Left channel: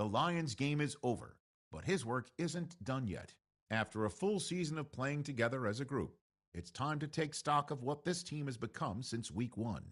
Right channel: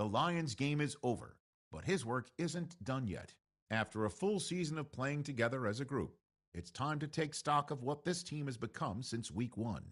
The Lions' game is over, but his work isn't done yet. After a full season of playing together as a group, it's time to take stock of what this team has become since week one.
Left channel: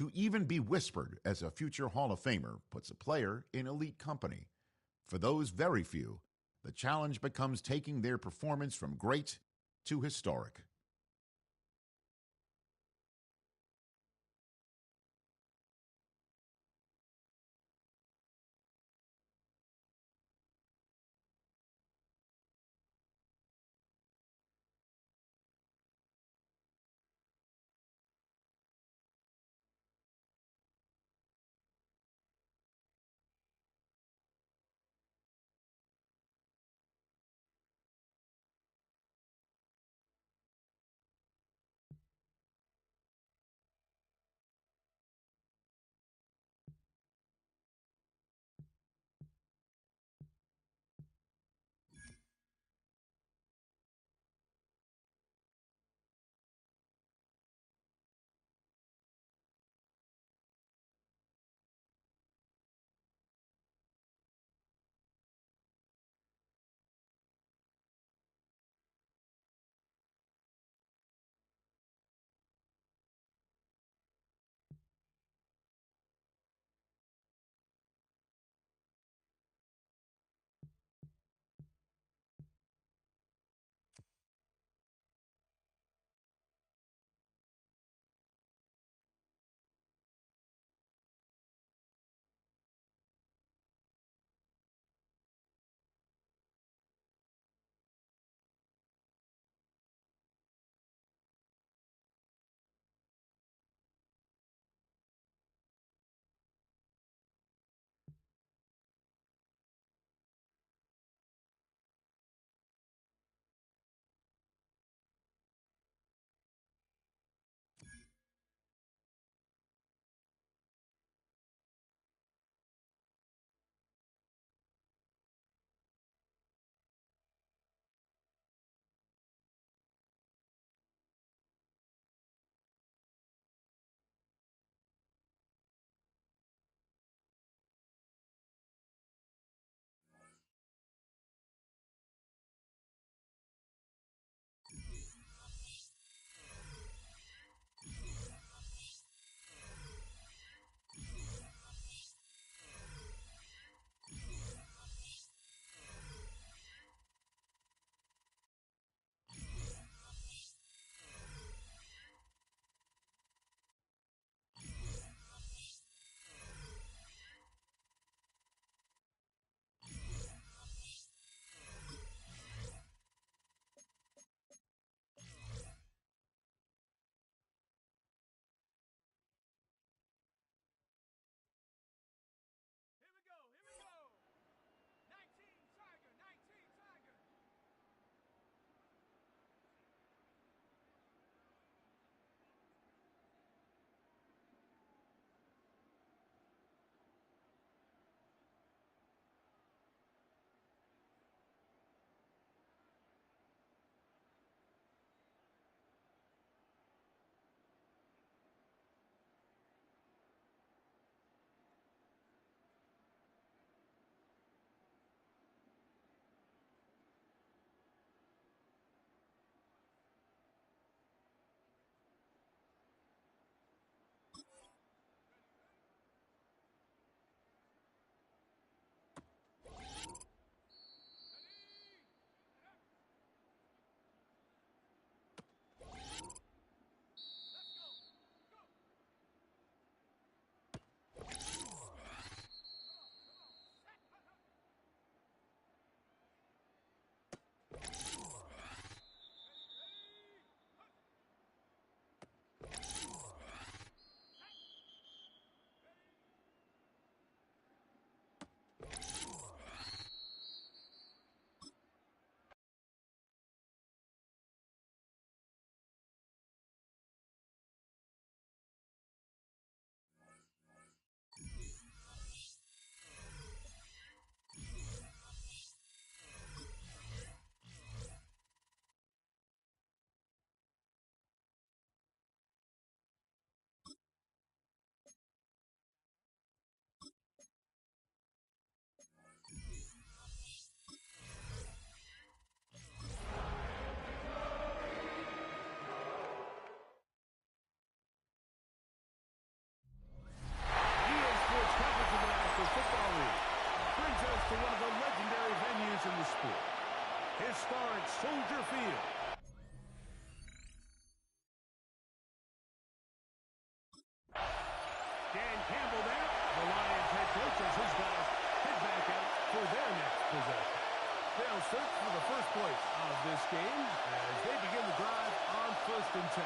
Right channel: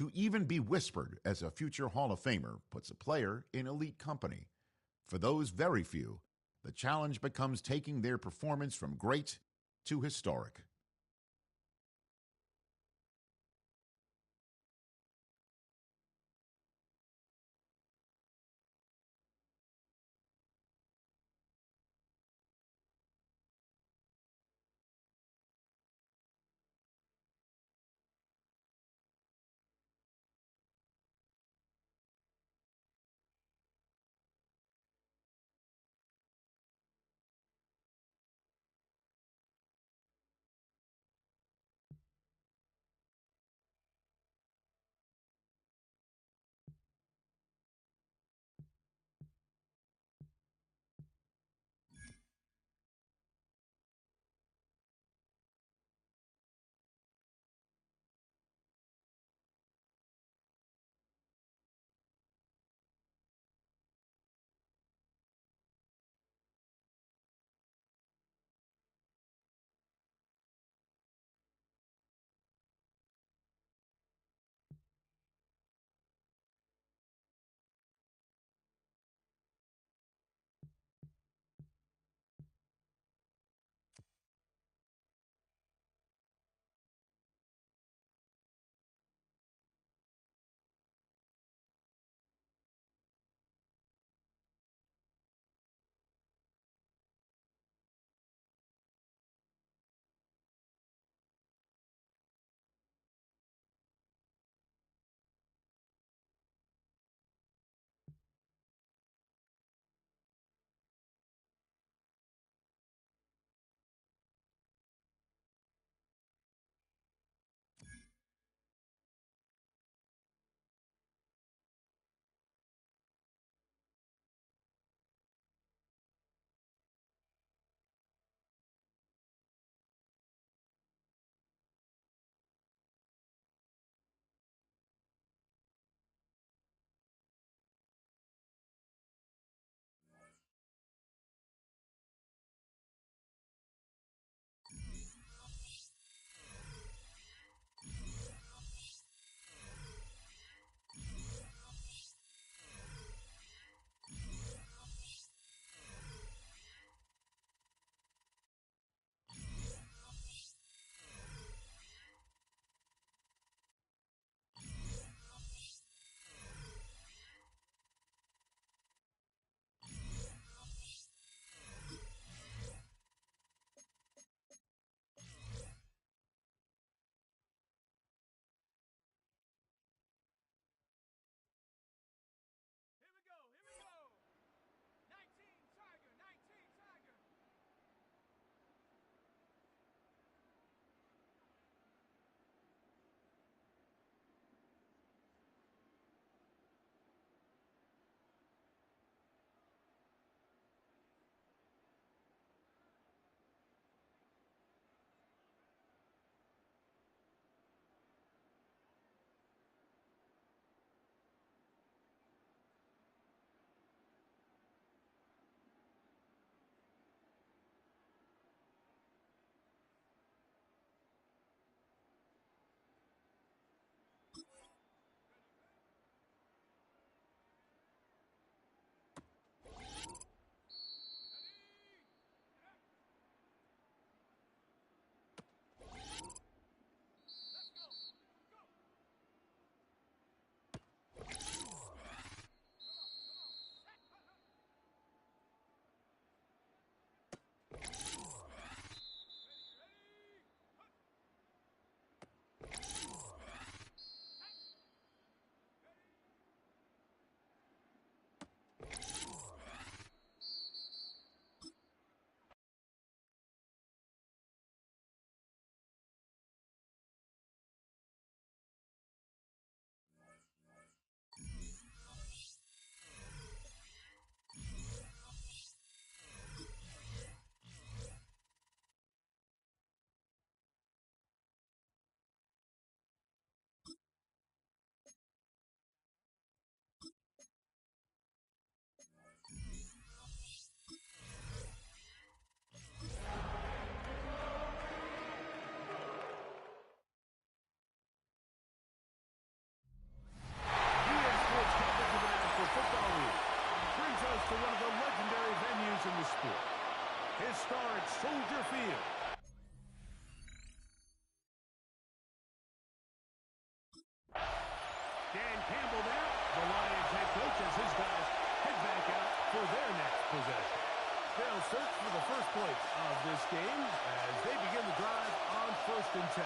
To even be whispered as a future Hall of Famer puts a player in elite company. For those very few, the challenge becomes taking their performance from great to historic. goes to one of the legendary venues in the sport. Historic Soldier Field. Dan Campbell there, the Lions head coach, as his guys head back out for their next possession. They'll search for the first points of this game as they begin the drive on 1st and 10.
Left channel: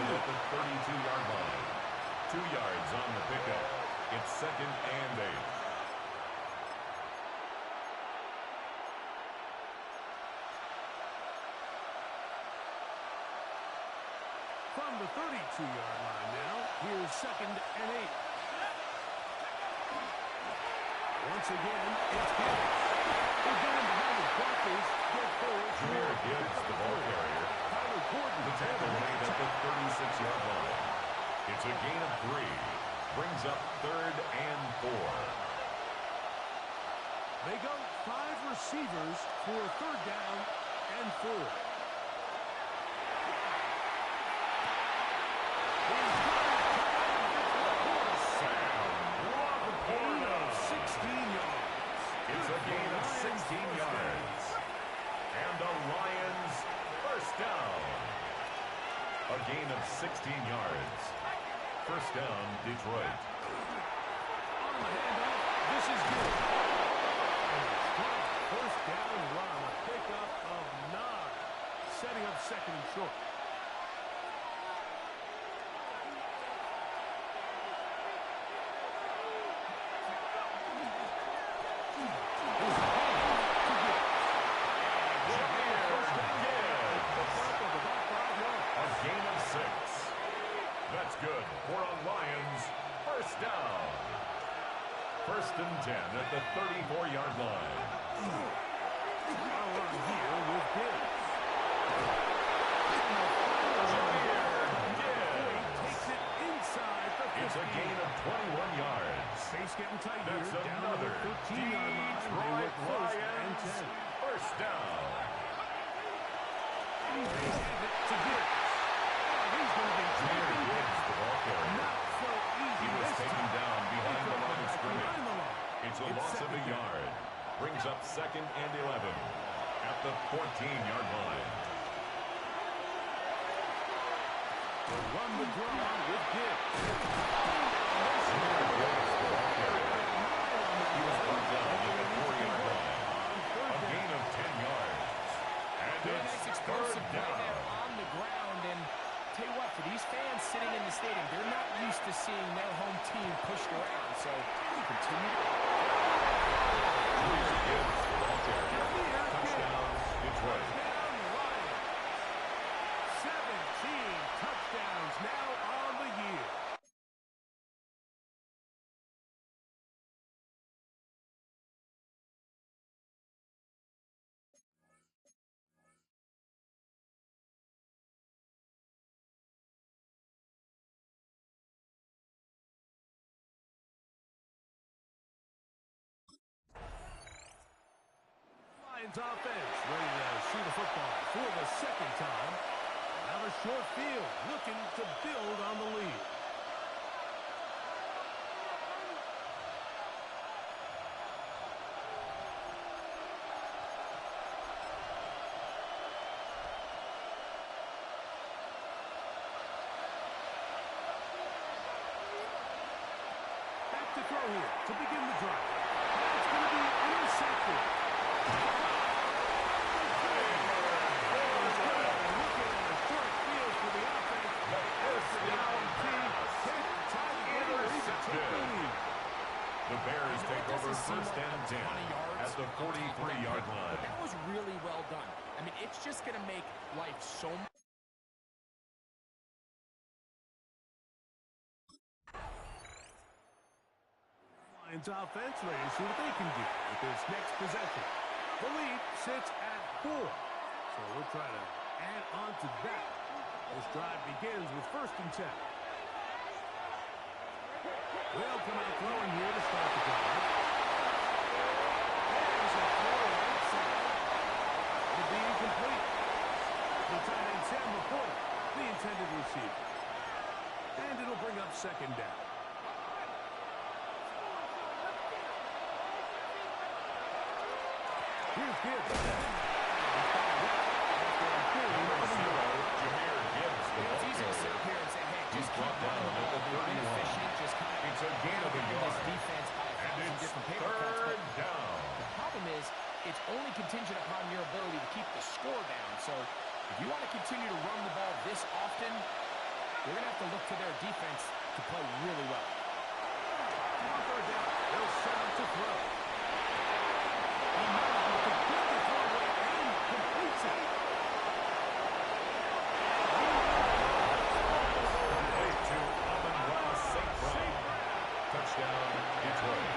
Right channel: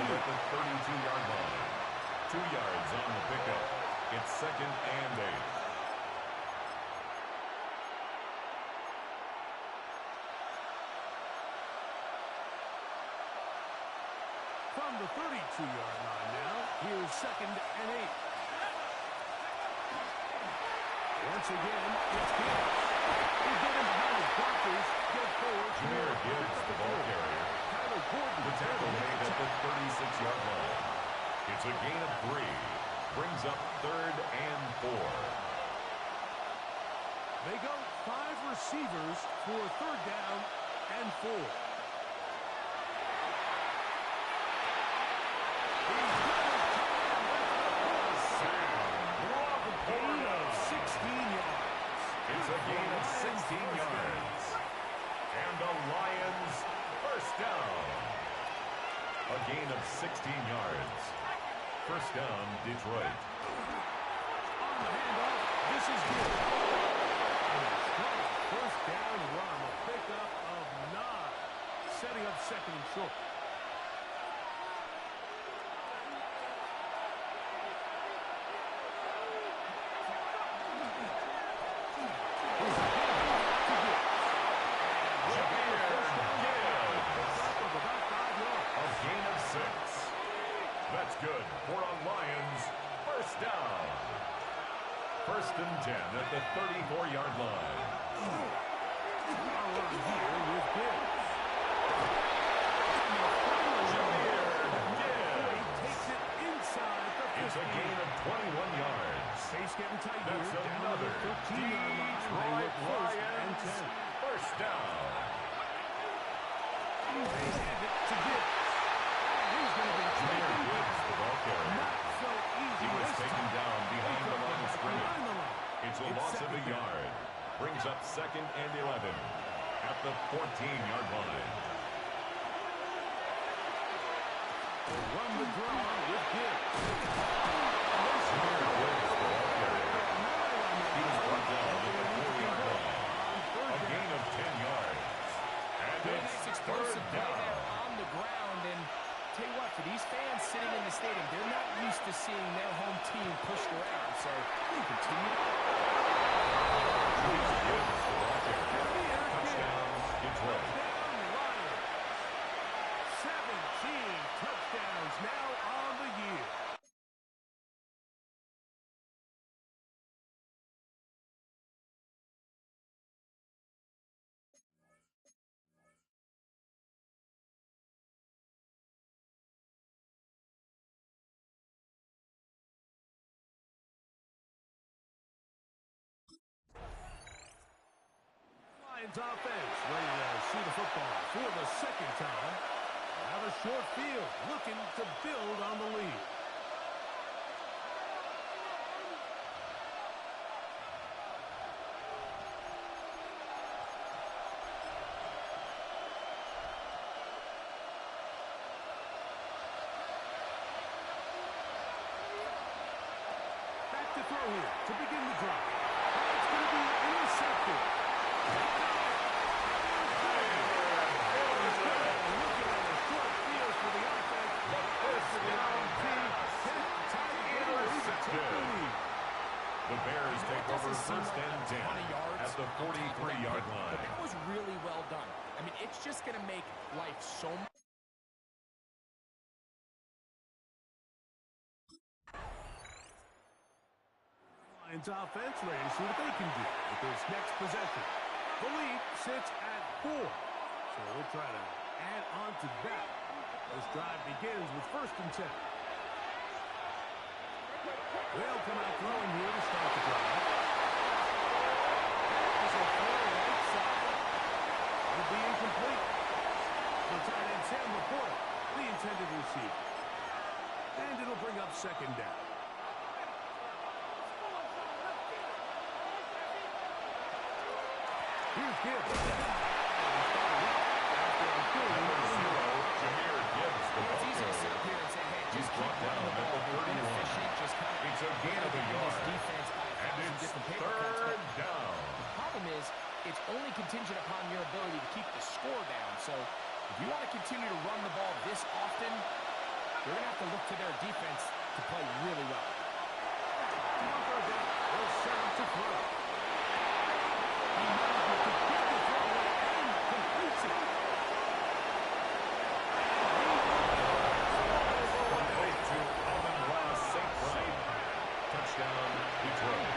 At the 32-yard line. 2 yards on the pickup. It's 2nd and 8. From the 32-yard line now, here's 2nd and 8. Once again, it's Gibbs. He'll get him behind his blockers. Get forward. Jameer Gibbs, the ball carrier. The tackle made at the 36-yard line. It's a gain of 3. Brings up 3rd and 4. They go 5 receivers for 3rd down and 4. He's got his tight end. That's Laporta. Sam Laporta. 16 yards. It's a gain of 16 yards. And the Lions first down. A gain of 16 yards. First down, Detroit. On the handoff, this is good. And a strong first down run. A pickup of 9. Setting up 2nd and short. Gain of 6. That's good for a Lions first down. 1st and 10 at the 34-yard line. A run here with Gibbs. Jameer Gibbs takes it inside the 50. It's a gain of 21 yards. Space getting tight That's here. another down to the 13-yard line. Detroit Lions first down. They hand it to Gibbs. He's going to be Jameer Gibbs, the ball carrier. Not so easy. He was taken down behind the line of scrimmage. It's a loss of a yard. Brings up 2nd and 11 at the 14-yard line. They'll run the draw with Gibbs. Jameer Gibbs, the ball carrier. He was brought down at the 4-yard line. A gain of 10 yards. And it's explosive play down. there on the ground. And tell you what, for these fans sitting in the stadium, they're not used to seeing their home team pushed around. So continue to... Jameer Gibbs, the ball carrier. Touchdown, Detroit. Touchdown, Lions. 17 touchdowns now on the year. Lions offense ready to see the football for the 2nd time. Now the short field looking to build on the lead. Back to throw here to begin the drive. And it's going to be intercepted. Looking at a short field for the offense. The first down pass. Intercepted. The Bears take over Doesn't seem 1st like and a 10 ton of yards at the on top of that 43-yard pick, line. But that was really well done. I mean, it's just going to make life so much. Lions offense ready to see what they can do with this next possession. The sits at 4. So we'll try to add on to that. This drive begins with 1st and 10. They'll come out throwing here to start the drive. There's a throw right side. It'll be incomplete. The tight end Sam Laporta, the intended receiver. And it'll bring up 2nd down. Here's Gibbs. Jameer Gibbs, the ball It's easy to sit carrier. up here and say, hey, just He's keep brought down running the at ball. the They've been 31. efficient, just kind of It's a gain of a this yard. defense by And 1,000 it's different paper cuts. But 3rd down. the problem is, it's only contingent upon your ability to keep the score down. So if you want to continue to run the ball this often, you're going to have to look to their defense to play really well. On 3rd down, they'll set up to throw. He manages to get the throw away and completes it. Complete to Amon-Ra St. Brown. Touchdown, Detroit.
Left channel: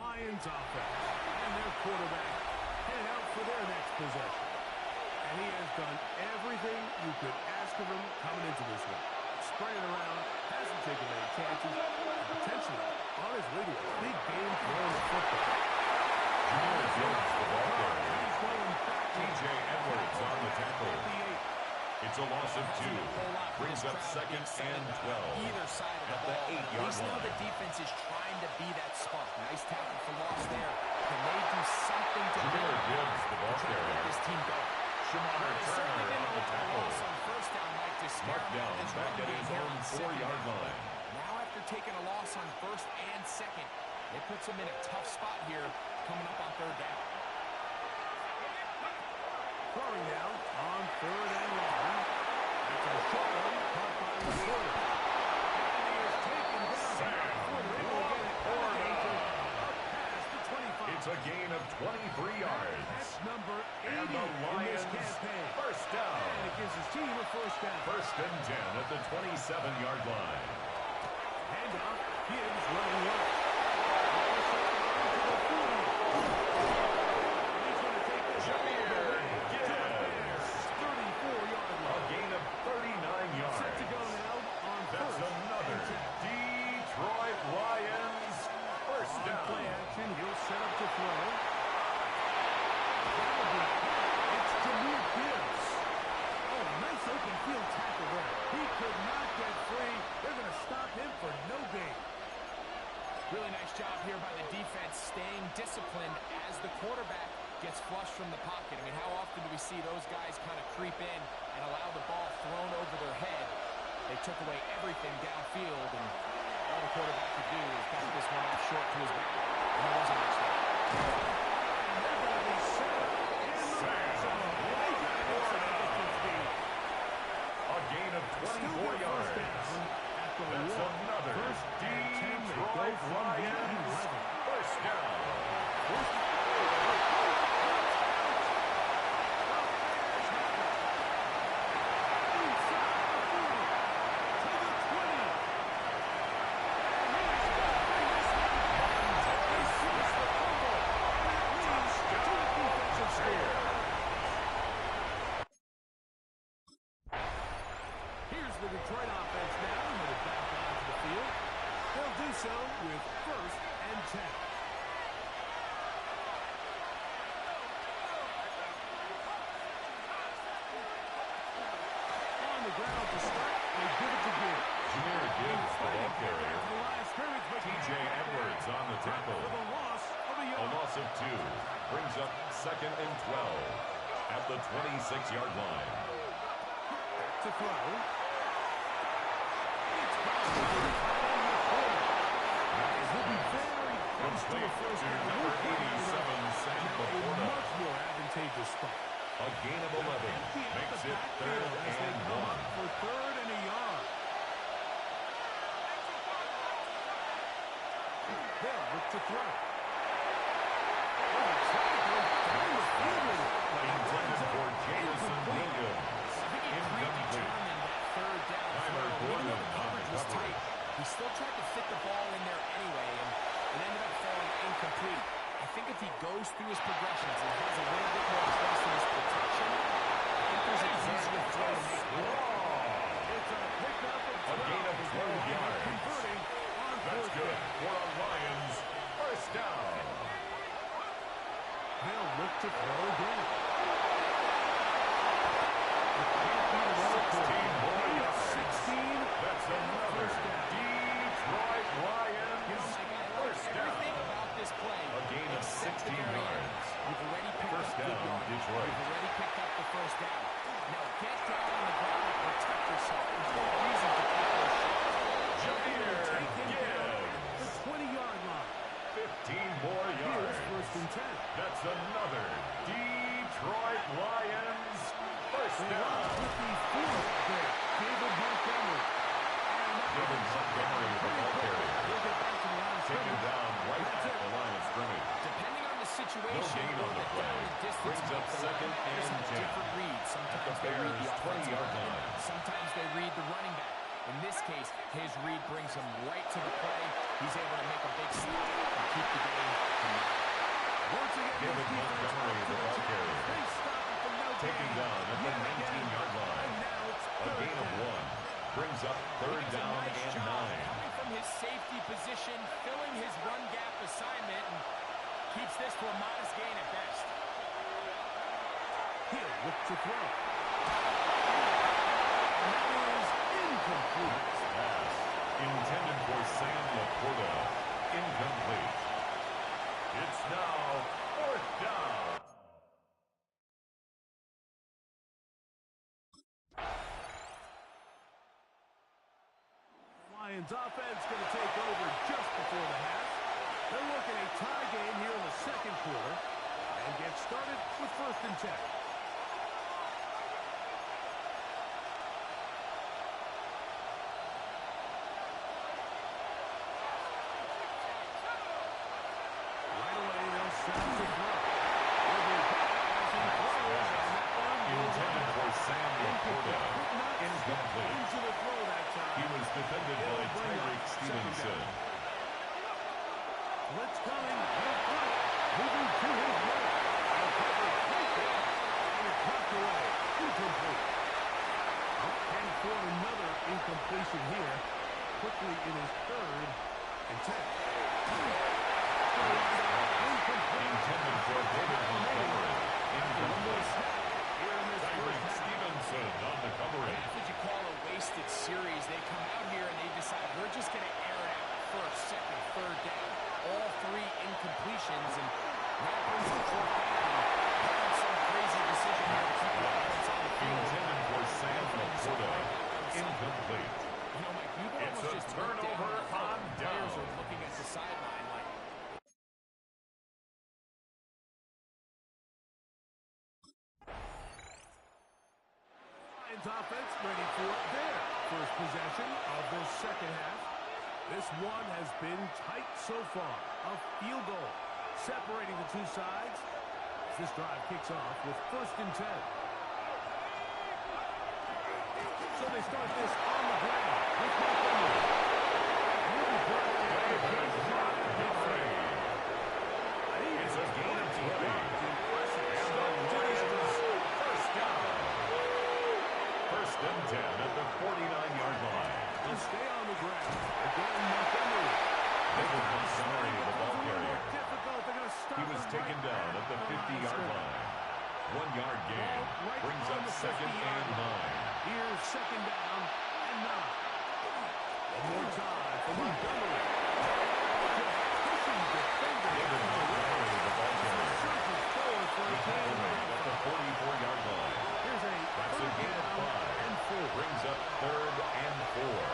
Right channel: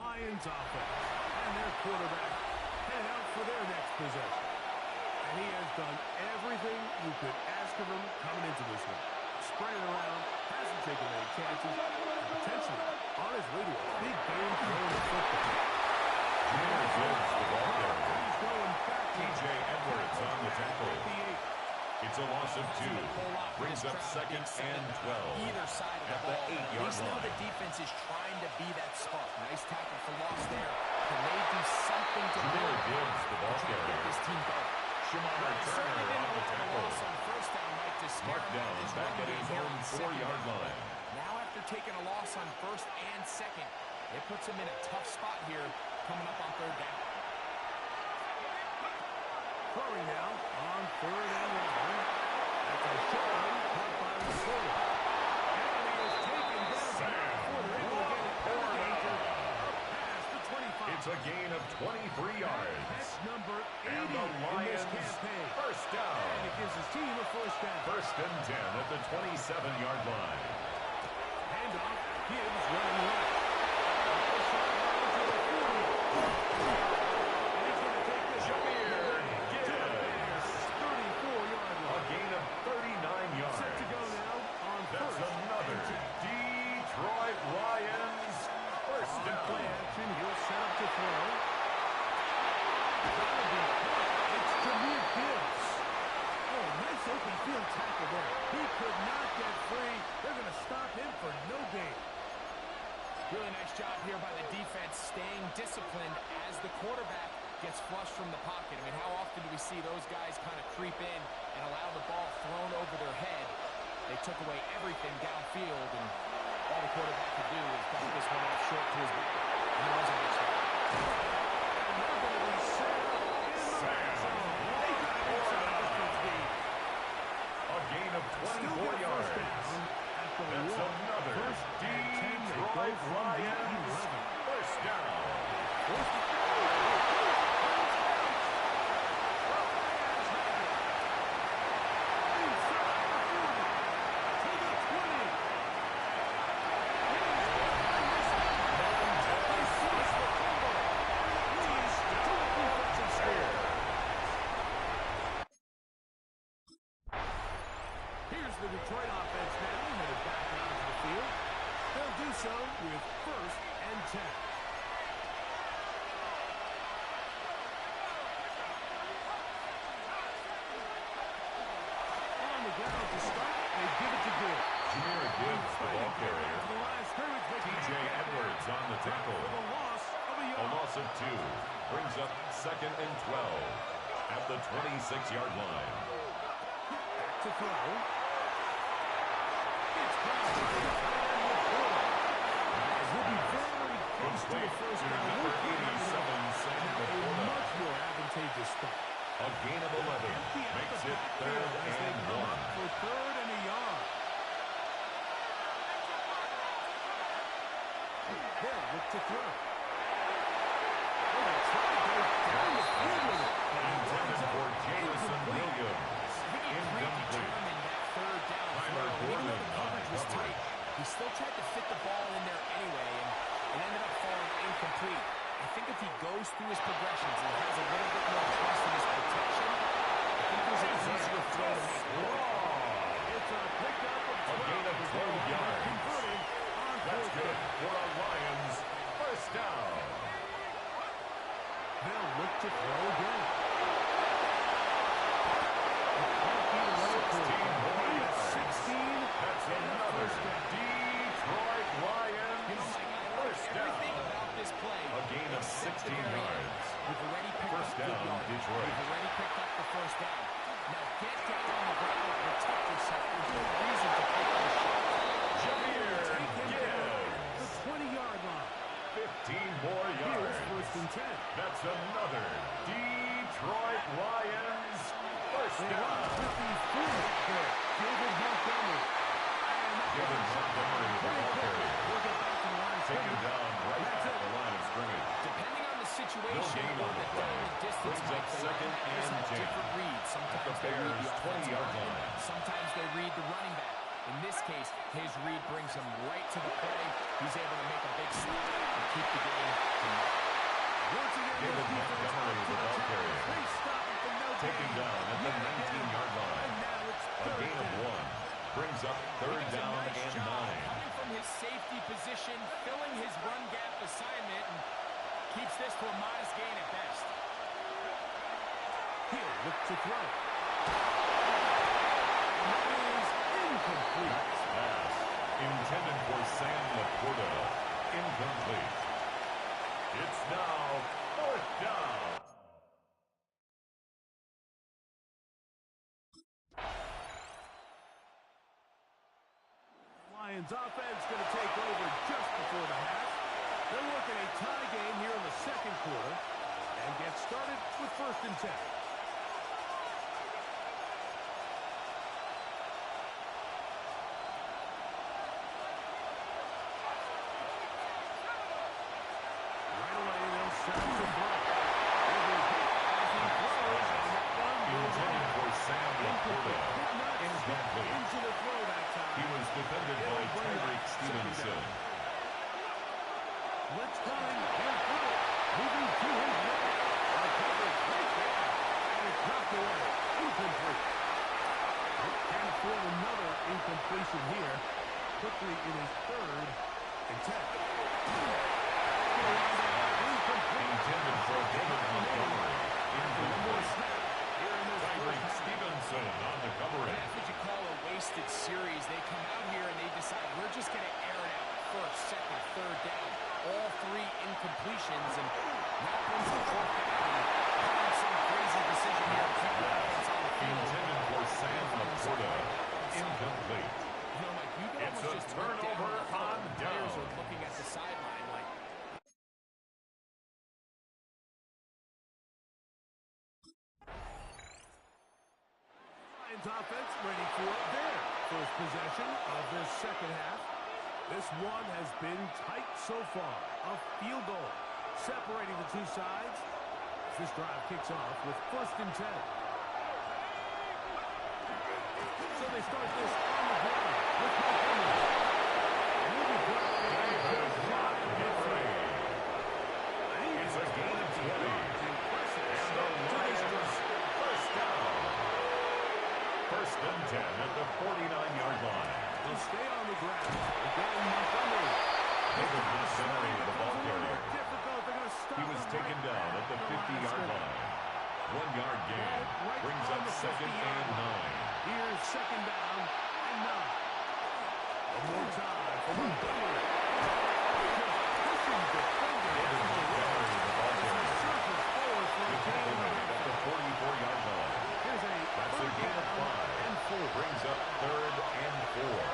Lions offense and their quarterback headed out for their next possession. And he has done everything you could ask of him coming into this one. Spread it around, hasn't taken many chances, and potentially on his way to a big game throwing the football. Jameer Gibbs, the ball carrier. He's going back. T.J. Edwards on the tackle. At the 8. It's a loss of 2. Brings up 2nd and 12. Either side of At the the ball. 8-yard At least now line. the defense is trying to be that spark. Nice tackle for loss there. Can they do something to Jameer build Gibbs, the ball try to get carrier. this team going? Shamar Well, they certainly Turner didn't on the allow a tackle. loss on 1st down, Mike, to scare Mark him down out of his back run at game his here own on 2nd 4-yard down. line. Now after taking a loss on 1st and 2nd, it puts him in a tough spot here coming up on 3rd down. Throwing now on 3rd and long. That's a short one caught by Laporta. And he is taken down before they're able to get it out of danger. Up past the 25. It's a gain of 23 yards. That's number 80 And the in this Lions campaign. 1st down. And it gives his team a 1st down. 1st and 10 at the 27-yard line. Handoff. Gibbs running left. Up the sideline to the 40. And he's going to take this Jameer all the way to the Gibbs. Bears' 34-yard A line. gain of 39 yards. Set to go now on That's 1st another and 10. Detroit Lions 1st On down. play action, he'll set up to throw. That'll be caught. It's Jameer Gibbs. Oh, nice open field tackle there. He could not get free. They're going to stop him for no gain. Really nice job here by the defense staying disciplined as the quarterback gets flushed from the pocket. I mean, how often do we see those guys kind of creep in and allow the ball thrown over their head? They took away everything downfield, and all the quarterback could do was dump this one off short to his back. And there wasn't much there. And they're going to be set up in the red zone. They got inside the 15. A gain of Still 24 get yards. 1st down at the That's 1. another 1st and 10. They go Detroit from the Lions 11. 1st down. Here's the Detroit offense now, headed back onto the field. They'll do so with 1st and 10. On the ground to start, they give it to Gibbs. Jameer Gibbs, the ball carrier. To the line of scrimmage, but T.J. can't get Edwards there. on the tackle. For the loss of a A yard. loss of 2 brings up 2nd and 12 at the 26-yard line. Back to throw. It's caught by the tight end Laporta. And he'll be very close to a Complete first to down. number We'll put him 87, Sam now a Laporta. much more advantageous spot. A gain of 11 Empty out makes the it backfield 3rd as they and come 1. up for 3rd and a yard. They'll look to throw. Oh, they try to go down the field with it. But it Intended winds up for Jameson incomplete. Williams. I think he Incomplete. predetermined that 3rd still tried to fit the ball in there anyway, and it ended up falling incomplete. I think if he goes through his progressions and has a little bit more trust in his protection, I think there's an easier throw to make. It's a pickup of 12. A gain of 12 yards. Converting on That's fourth good down. for a Lions first down. They'll look to throw again. It can't be the right 16 more yards. 16. That's and a another first down. Detroit Lions You know, Mike, I like first everything down. about this play. A gain of except 16 the very end. yards. You've already picked First up good down, yardage. Detroit. You've already picked up the first down. Now get down on the ground and protect yourself. There's no reason to take those shots. Jameer Take him down at the Gibbs. 20-yard line. 15 more Here's yards. first and 10. That's another Detroit Lions first They down. run with the fourth there. David Montgomery. And that David was Montgomery, the pretty ball quick. carrier. He'll get back to the line of Taken scrimmage. down right That's at it. the line of scrimmage. Depending on the No situation gain or on the the play. down and distance, Brings up Mike, the second linebackers and have 10. different reads. Sometimes they read the Bears' offensive 20-yard lineman. line. Sometimes they read the running back. In this case, his read brings him right to the play. He's able to make a big stop and keep the game to nothing. Once again, David this defense Montgomery, up to the ball task. carrier. They stop it for no Taken gain. down at the Yet again. 19-yard line. And now it's A third gain of down. 1. Brings up He third does a down nice and job 9. coming from his safety position, filling his run gap assignment, and keeps this to a modest gain at best. He'll look to throw. And that is incomplete. Nice pass. Intended for Sam Laporta. Incomplete. It's now fourth down. Lions offense going to take over just before the half. They're working a tie game here in the second quarter and get started with first and 10. Right away, they'll set up to throw. He'll be hit as he throws, and that one goes Intended for Sam Laporta. Could not step Incomplete. into the throw that time. He was defended by It'll bring Tyreek up second Stevenson. down. Blitz coming. He'll throw it. Moving to his right. Covered right there. And it's knocked away. Incomplete. Can't afford another incompletion here. Quickly in his third and 10. Incomplete. Intended for David Montgomery. One more Incomplete. snap here in this Tyreek first half. Stevenson on the coverage. That's what you call a wasted series. They come out here and they decide, we're just going to air it out. First, second, third down. All three incompletions, and now brings up fourth down. And calling some crazy decision here to keep the offense on the field. Intended for Sam Laporta. Incomplete. Incomplete. You know, Mike, you can It's almost a just look down turnover the field. on The players down. are looking at the sideline like, Lions offense ready for their first possession of this second half. This one has been tight so far. A field goal separating the two sides as this drive kicks off with first and 10. So they start this on the ground with Montgomery. And he'll be brought in David shot at Montgomery. It's a gain of 20. Impressive And the start to this Lions drive. first down. First and 10 at the 49-yard line. They'll stay on the ground. Again, Montgomery. David Montgomery, the ball carrier. Difficult. They're going to stop He was him taken right down at at the line of 50-yard scrimmage. line. 1 yard gain. Right Brings on up the second 50-yard and line. 9. Here's second down and 9. One more time for Montgomery. Just pushing defenders. David Montgomery, the ball carrier. Surges forward for a The tackle gain. made at the 44-yard line. Here's a That's a third gain of down 5. and 4. Brings up third and 4.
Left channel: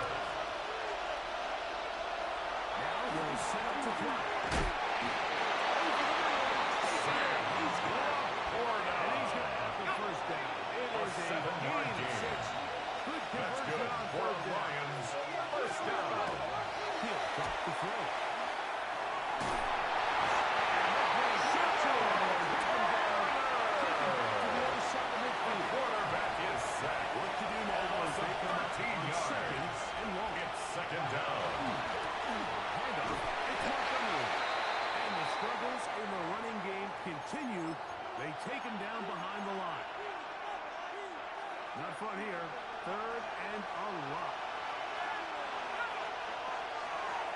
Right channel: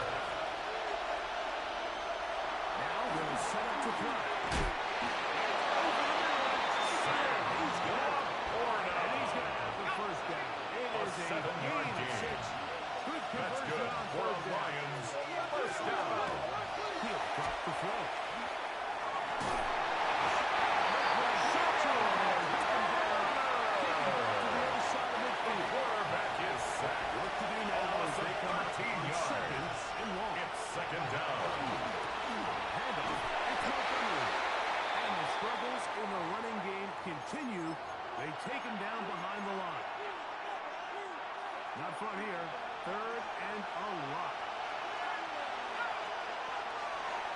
Now they'll set up to throw. Over the middle. Sam He's got it. Laporta. And he's going to have the first down. It A is a 7-yard gain of gain. 6. Good That's conversion good on for third down. Lions. First down. He'll drop the throw. Quarterback is sacked. What to do now A loss as they of come up 13 on yards. seconds and long. It's second down. front here. Third and a lot.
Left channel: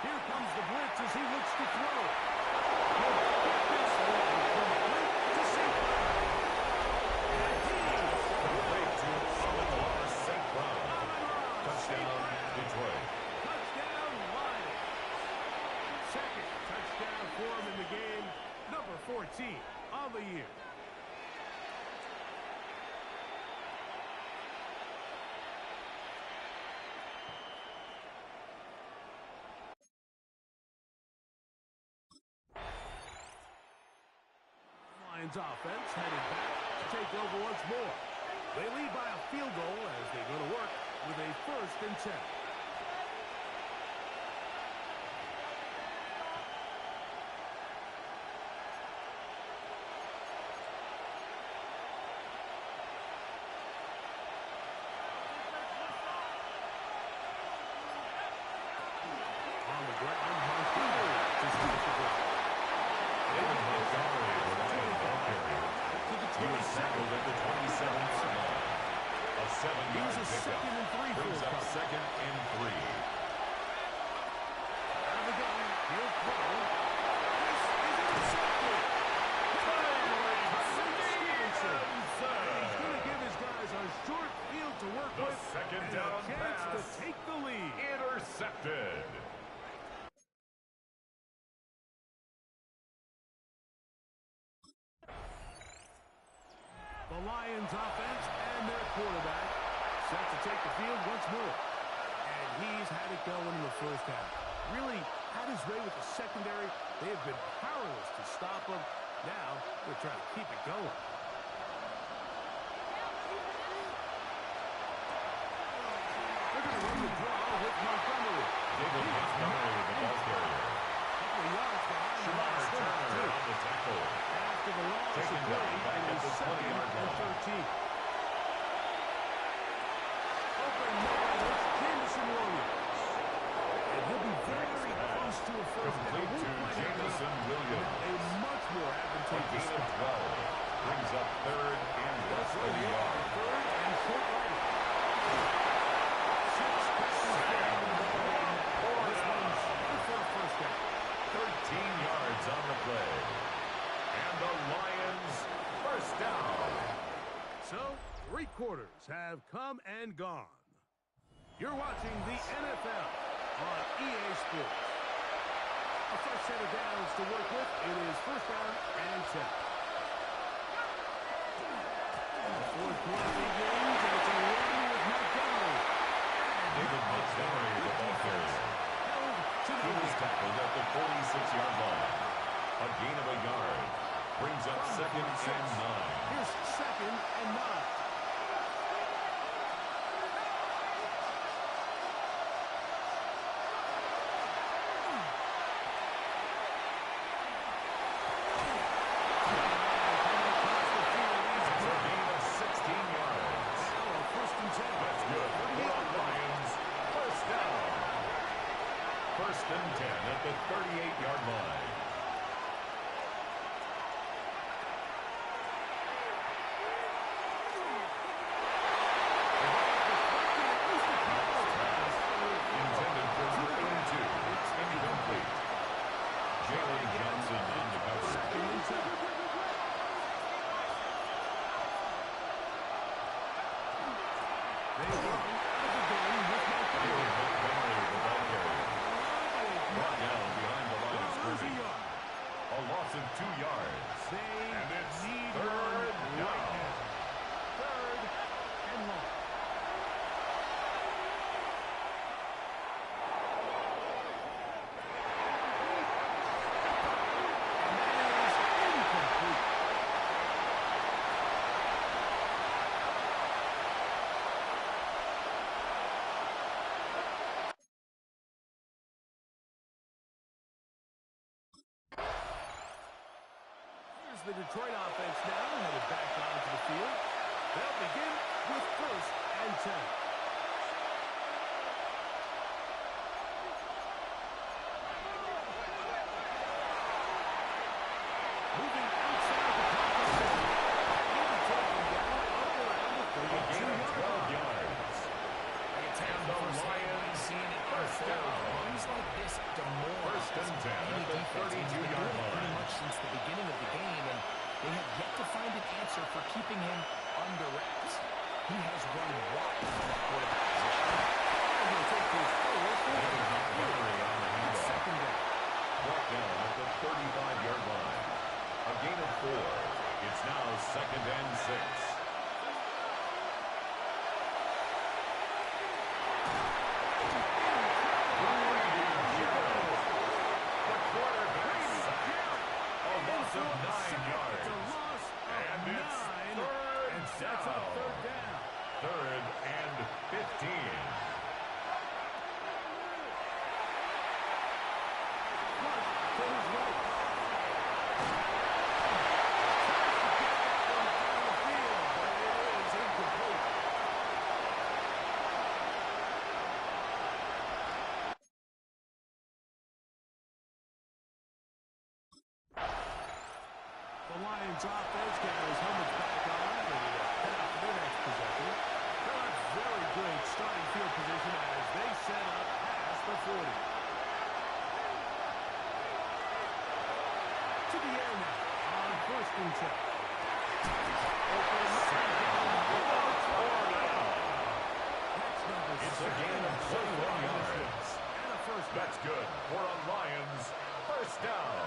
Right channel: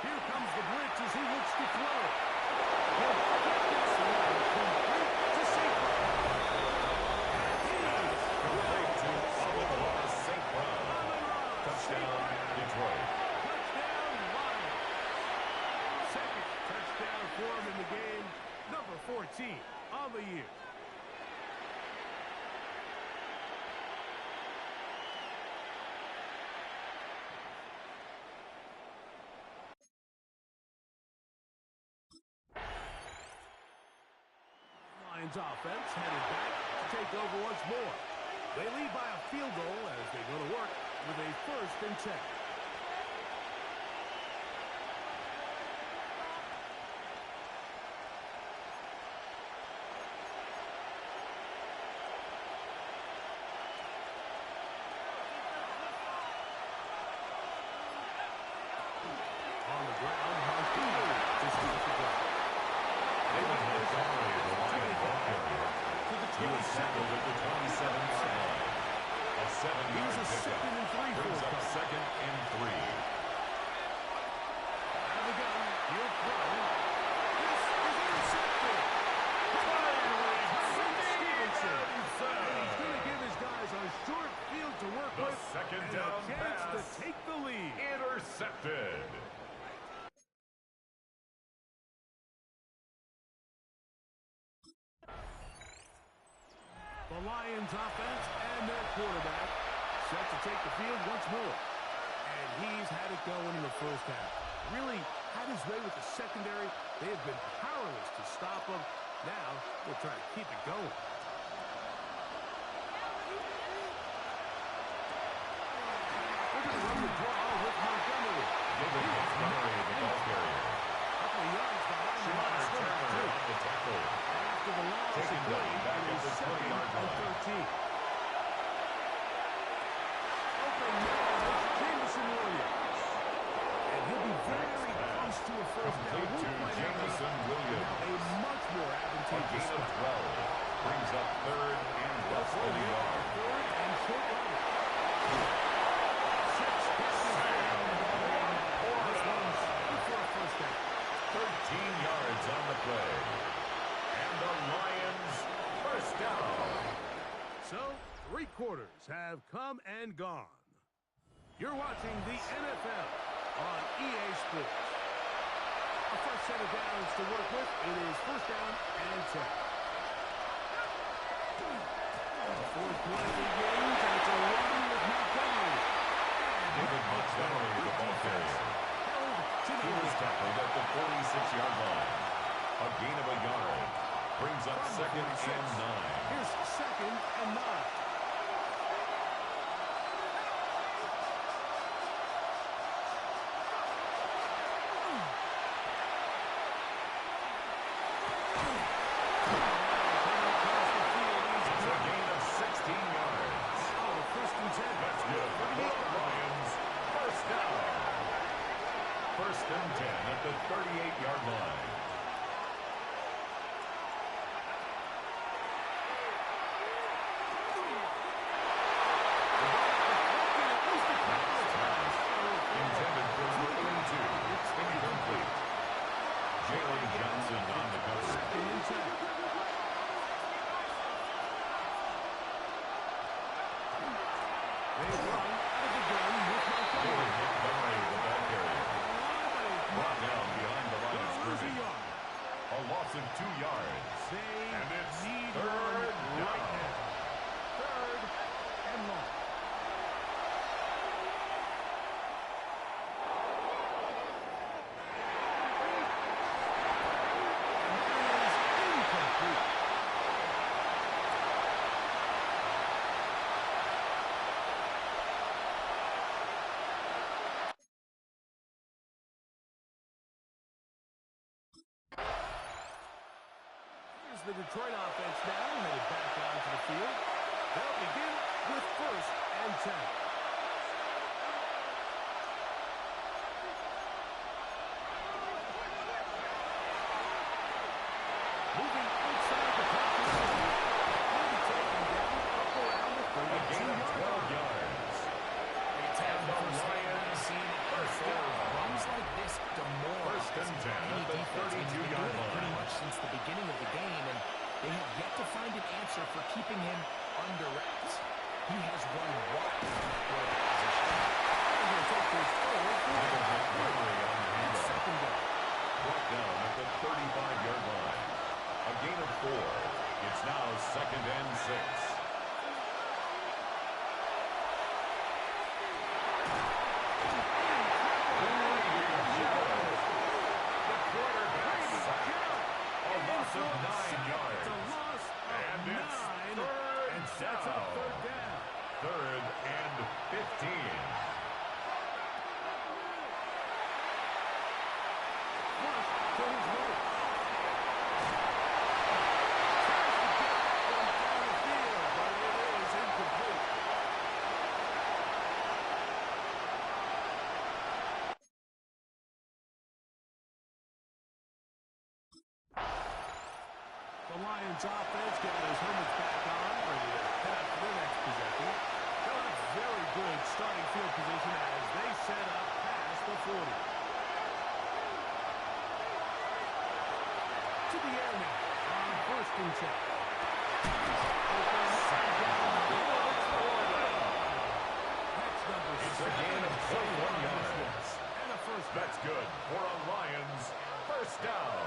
Here comes the blitz as he looks to throw. He'll get this one complete to St. Brown. And he's Complete to Amon-Ra St. Brown. Touchdown, Detroit. Touchdown, Lions. Second touchdown for him in the game. Number 14 on the year. Lions offense headed back to take over once more. They lead by a field goal as they go to work with a 1st and 10. On the ground, Montgomery to start the drive. David Montgomery, the Lion ball carrier. He was tackled at the 27-yard line. A 7-yard pickup brings up 2nd and 3. Out of the gun, he'll throw. This is intercepted. Finally, Stevenson. And he's going to give his guys a short field to work The with. second And down a chance pass. to take the lead. Intercepted. The Lions offense and their quarterback set to take the field once more. And he's had it going in the first half. Really had his way with the secondary. They have been powerless to stop him. Now they're trying to keep it going. They're going to run the draw with Montgomery. David Montgomery, the ball carrier. Couple of yards behind the line Shamar of scrimmage, Turner too. on the tackle. After the loss, Taken it down back is at the 20-yard 2nd and line. 13. Open man, it's Jameson Williams. And he'll be very close to a first down. Complete to Jameson Williams. Now a much more A advantageous gain of spot. 12 brings up 3rd and less than a yard. Third and short yardage. 6 passes for him in the ball game. This one's good for a first down. 13 yards on the play. And the Lions first down. So, 3 quarters have come and gone. You're watching the NFL on EA Sports. A fresh set of downs to work with. It is first down and 10. The fourth play begins, and it's a run with Montgomery. David Montgomery, the ball carrier. Held to He the was lead. tackled at the 46-yard line. A gain of a yard brings up From the 2nd 46. and 9. Here's 2nd and 9. It's a gain of 16 yards. First and 10. That's good for the Lions. First down. First and 10 at the 38-yard line. Intended for number 82. It's incomplete. Jalen Johnson on the cover. Second and 10. They run out of the gun with Montgomery. David Montgomery, the ball carrier. Brought down behind the line of scrimmage. A loss of 2 yards. They And it's need 3rd one down. right now. 3rd and long. And that is incomplete. Here's the Detroit offense now, headed back onto the field. They'll begin with 1st and 10. Moving outside the pocket. He'll be taken down up around the A gain of 32-yard 12 line. the firsthand by Lions, seeing it first unfold. down. Runs like this demoralize First and 10 any at the defense. And he's been 32-yard doing it pretty line. much since the beginning of the game, and they have yet to find an answer for keeping him under wraps. He has run wild from that quarterback position. And he'll take this forward for David Montgomery on the handoff. second down. Brought down at the 35-yard line. A gain of 4. It's now second and 6. The quarterback sacked. A loss of 9 yards. It's a loss of And it's 9. third And sets up third down. Third and 15. Flush to his right. Tries to get that one down the field, but it is incomplete. The Lions offense getting those helmets back on, ready to head out for their next possession. They'll have very good starting field position as they set up past the 40. To the air now on first and 10. Open. That's number It's a gain of 21 yards. And a first down. That's good for a Lions first down.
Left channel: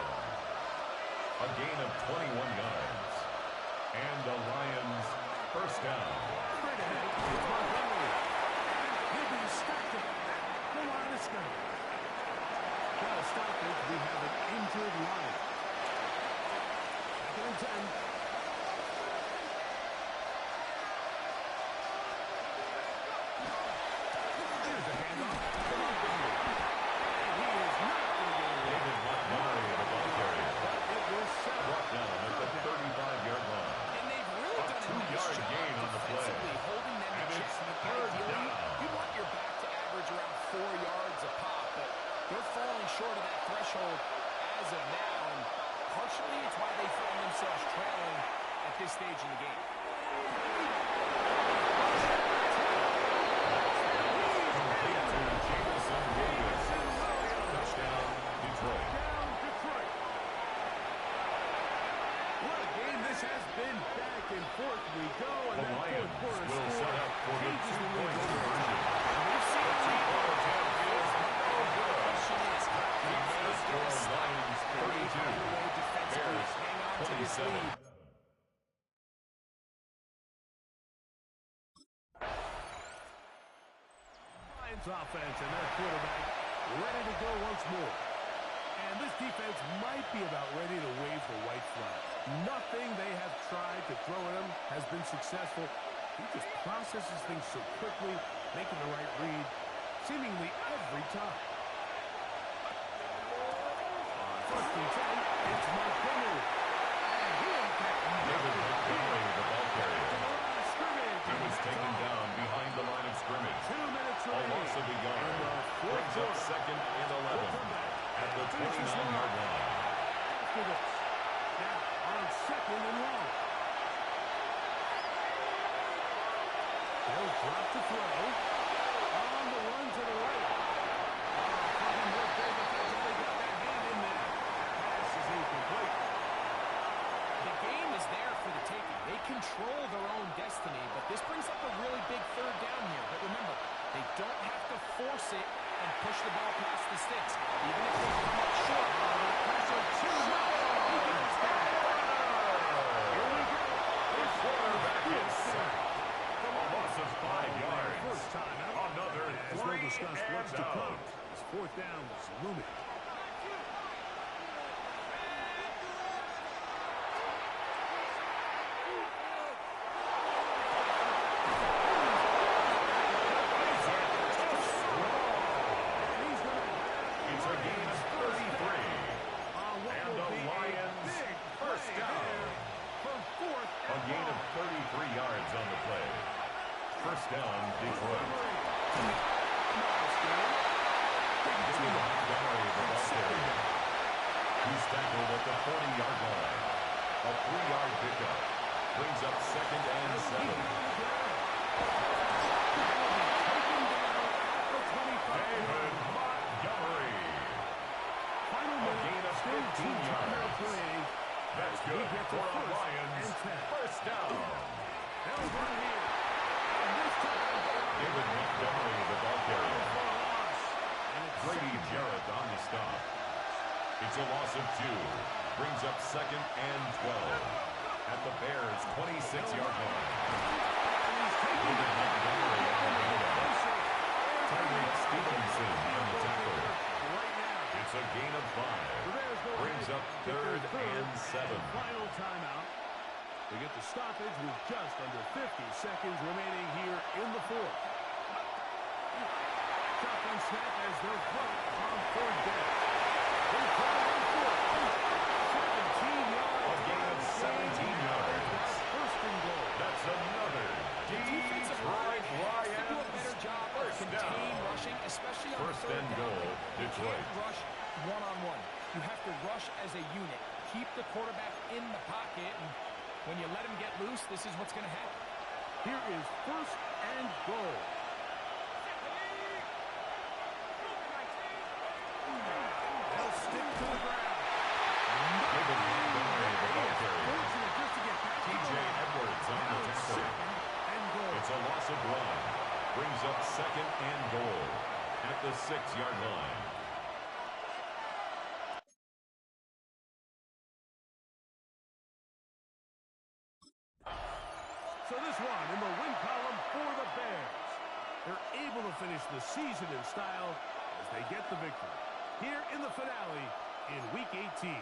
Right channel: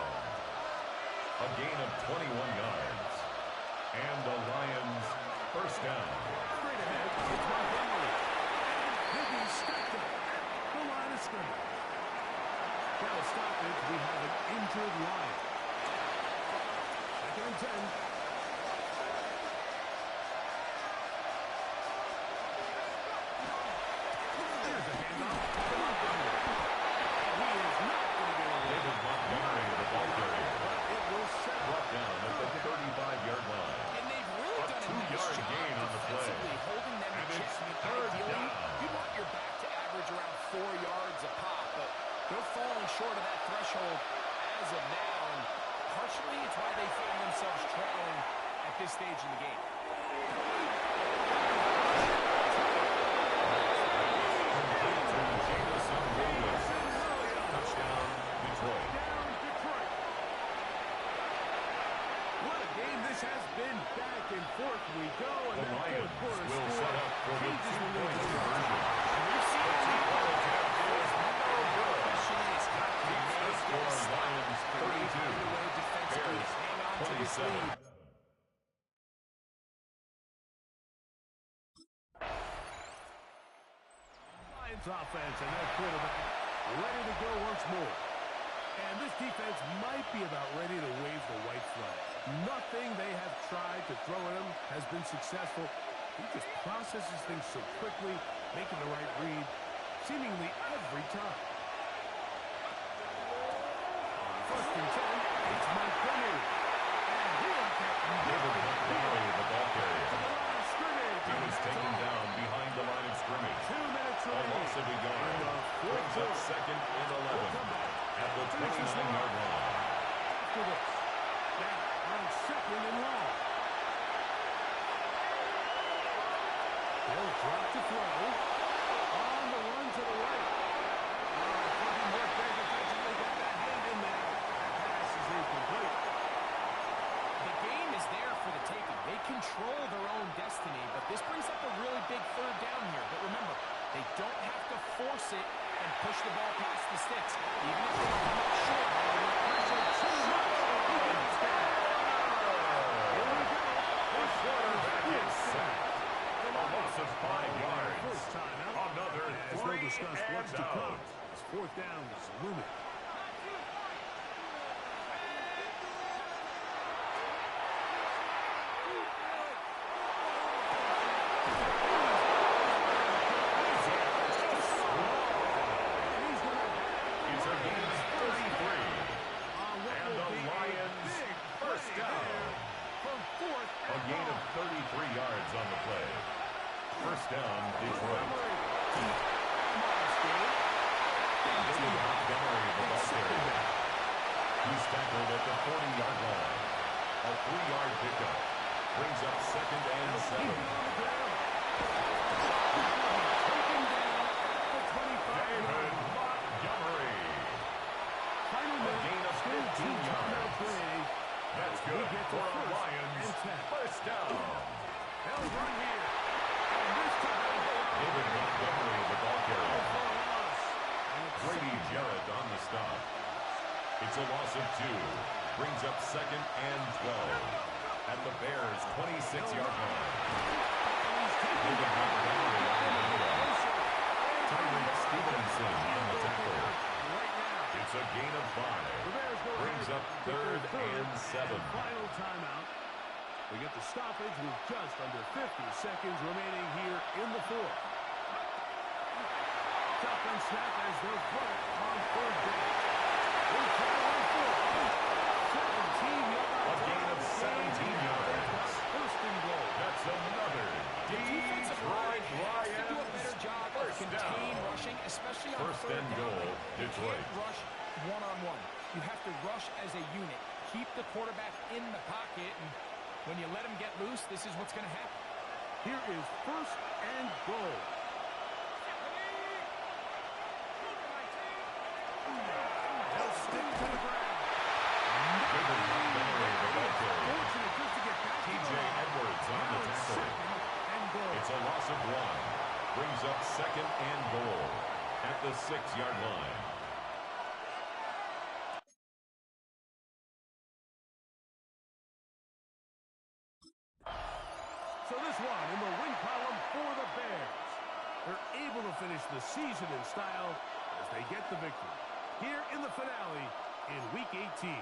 A gain of 21 yards. And the Lions first down. Straight ahead, it's Montgomery. And he'll be stacked up at the line of scrimmage. Now a stoppage, we have an injured Lion. Second and 10. There's a handoff to Montgomery. And he is not going to get away. David Montgomery, the ball carrier. But it will set up. Brought down at the 35-yard line. And they've really A done a nice two-yard job gain on the play. defensively holding them in And check. it's I mean, third ideally, down. you want your back to average around 4 yards a pop, but they're falling short of that threshold as of now, and partially it's why they find themselves trailing at this stage in the game. Complete to Jamison Williams. Touchdown, Detroit. Down Detroit. What a game this has been. Back and forth we go. And The that Lions fourth quarter will score set up for the changes the two-point lead. conversion. We've seen The two-point attempt is no The good. question is, That can keeps they the get score a stop? Lions Can they 32. find a way defensively to Bears hang on to this 27. lead? Lions offense and their quarterback ready to go once more. And this defense might be about ready to wave the white flag. Nothing they have tried to throw at him has been successful. He just processes things so quickly, making the right read seemingly every time. On first and 10, it's Montgomery. And he'll get David Montgomery, the ball to carrier. the line of scrimmage. He and was that's taken all. down behind the line of scrimmage. 2 minutes A remaining. loss of a yard. in the fourth Brings up quarter. second and 11 We'll come back. at the Finish this one 29-yard off line. after this. Now on second and long. They'll drop to throw. On the run to the right. Fucking work there defensively. Got that hand in there. That pass is incomplete. The game is there for the taking. They control their own destiny, but this brings up a really big third down here. But remember, they don't have to force it and push the ball past the sticks, even if they come up short. Pressure too much. He goes down. Here we go. The quarterback is sacked. A loss of 5 yards. First time out. Another As we'll 3 discuss what's and to come. out. This fourth down is looming. And he's going to have It's a gain of 33. on what And will the be Lions a big first play down. there for fourth A and gain of long. 33 yards on the play. First down, Detroit. Nice game. David Montgomery, the ball carrier. He's tackled at the 40-yard line. A 3-yard pickup. Brings up second and Keep 7. it on the ground. Taken down at for a Lions first down. They'll run here. And this time, David Montgomery, the ball carrier. for a loss. And it's Grady second Jarrett on the stop. It's a loss of 2. Brings up 2nd and 12. At the Bears' 26-yard line. David Montgomery on the handoff. Tyreek Stevenson on the tackle. right now. It's a gain of 5. Brings up 3rd and 7. Final timeout. We get the stoppage with just under 50 seconds remaining here in the fourth. Shotgun snap as they'll run it on 3rd down. They try to run for it. 17 yards. A gain of 17 yards. First and goal. That's another Defensive line has to do a better job of First contain down. rushing, especially on First 3rd and down. goal, You Detroit. can't rush one-on-one. You have to rush as a unit. Keep the quarterback in the pocket, and when you let him get loose, this is what's going to happen. Here is first and goal. They'll stick to the ground. David Montgomery, the ball carrier. Fortunate just to get back to T.J. the line. Edwards on Now the it's tackle. second and goal. It's a loss of 1. Brings up 2nd and goal at the 6-yard line. So this one in the win column for the Bears. They're able to finish the season in style as they get the victory here in the finale in Week 18.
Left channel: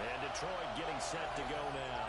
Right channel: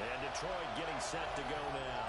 And Detroit getting set to go now.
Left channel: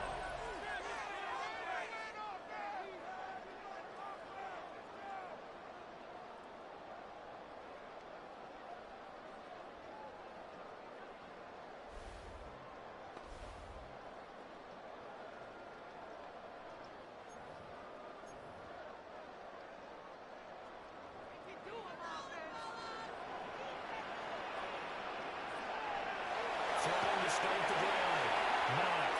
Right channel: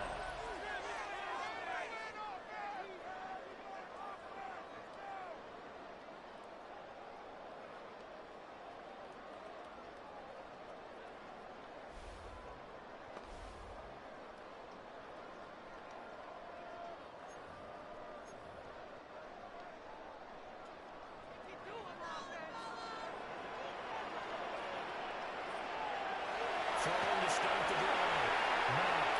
Throwing to start the drive. Matt.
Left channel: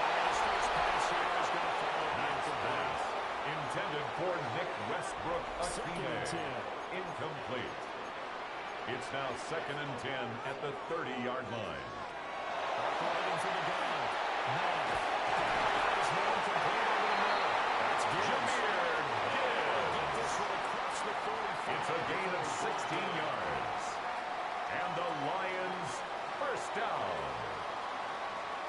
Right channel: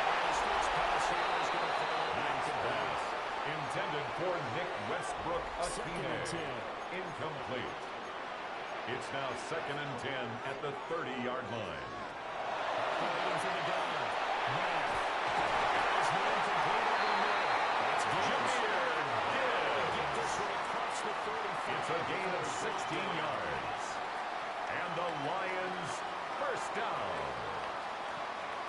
And his first pass here is going to fall incomplete. Intended for Nick Westbrook Second and Akine. 10. Incomplete. It's now 2nd and 10 at the 30-yard line. Operating for the gun. Matt. Got his man complete over the middle. That's Gibbs. Get this one across the 35. It's a gain of 16 yards. And the Lions first down.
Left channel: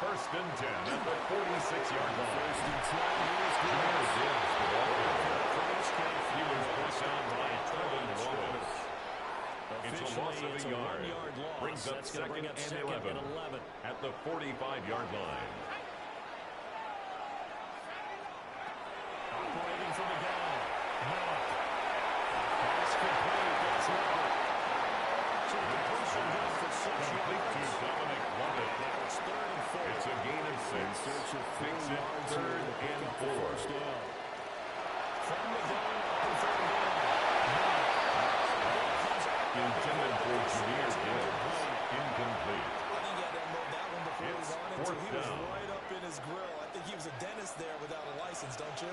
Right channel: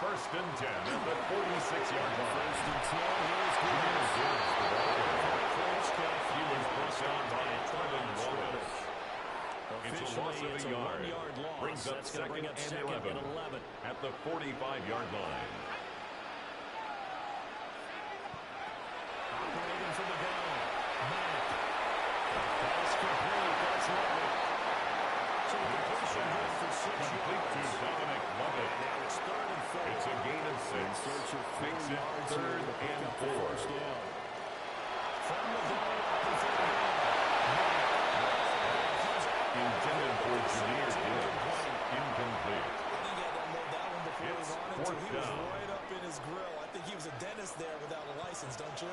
First and 10 at the 46-yard line. First and 10. Here's Jameer Gibbs. Gibbs, the ball carrier. He was brought down by Trevin Wallace. It's a loss of a yard. Brings up second and 11 at the 45-yard line. Operating from the gun. Matt. Pass complete. That's Lovett. So the completion good for 6 Complete to yards. Dominic Lovett. Now it's 3rd and 4. It's a gain of 6. In search of 4 Makes it yards 3rd here to pick and up the 4. first down. From the gun, up and 3rd down. Matt. Intended for Jameer Gibbs. Incomplete. I think he had to unload that one before It's he was on it. 4th He was down. right up in his grill. I think he was a dentist there without a license, don't you?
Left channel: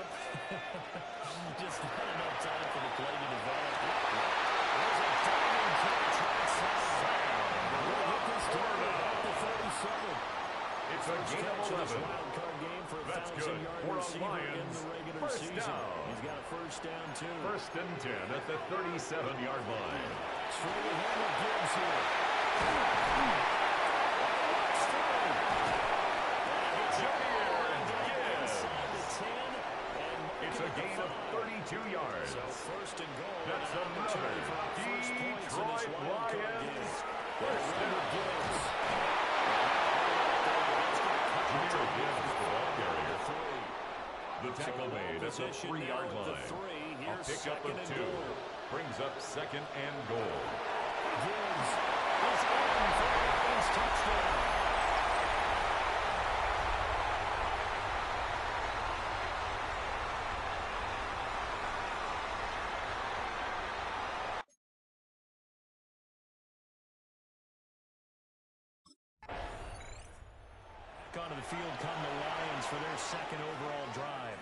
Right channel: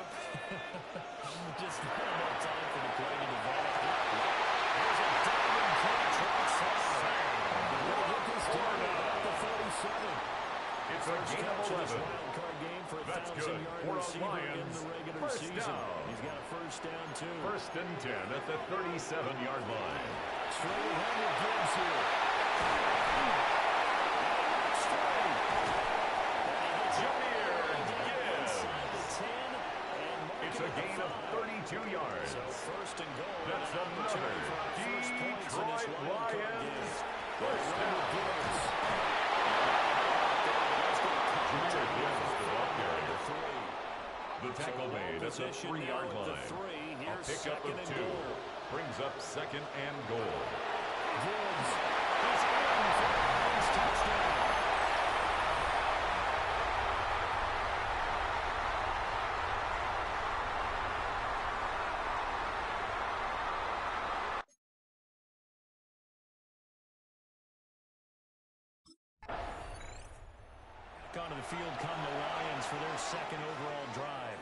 Just not enough time for the play to develop. There's a diving catch right side. They'll get this down at the 37. It's a gain of 11. Wild card game for a That's 1,000-yard good for the receiver in Lions. the regular First season. down. He's got a first down, too. First and 10 at the 37-yard line. Straight ahead with Gibbs here. Jameer Gibbs. Inside the 10 and It's a gain of 32 yards. So first and goal. That's and an another opportunity for our first points in this Detroit wild card Lions. game. First down. Gibbs. Jameer Gibbs, the ball carrier. The So tackle ball made at the position 3-yard now at the line. 3. A Here's pickup second of and 2. goal. Brings up second and goal. Gibbs is in for a Lions touchdown. Back onto the field come the Lions for their second overall drive.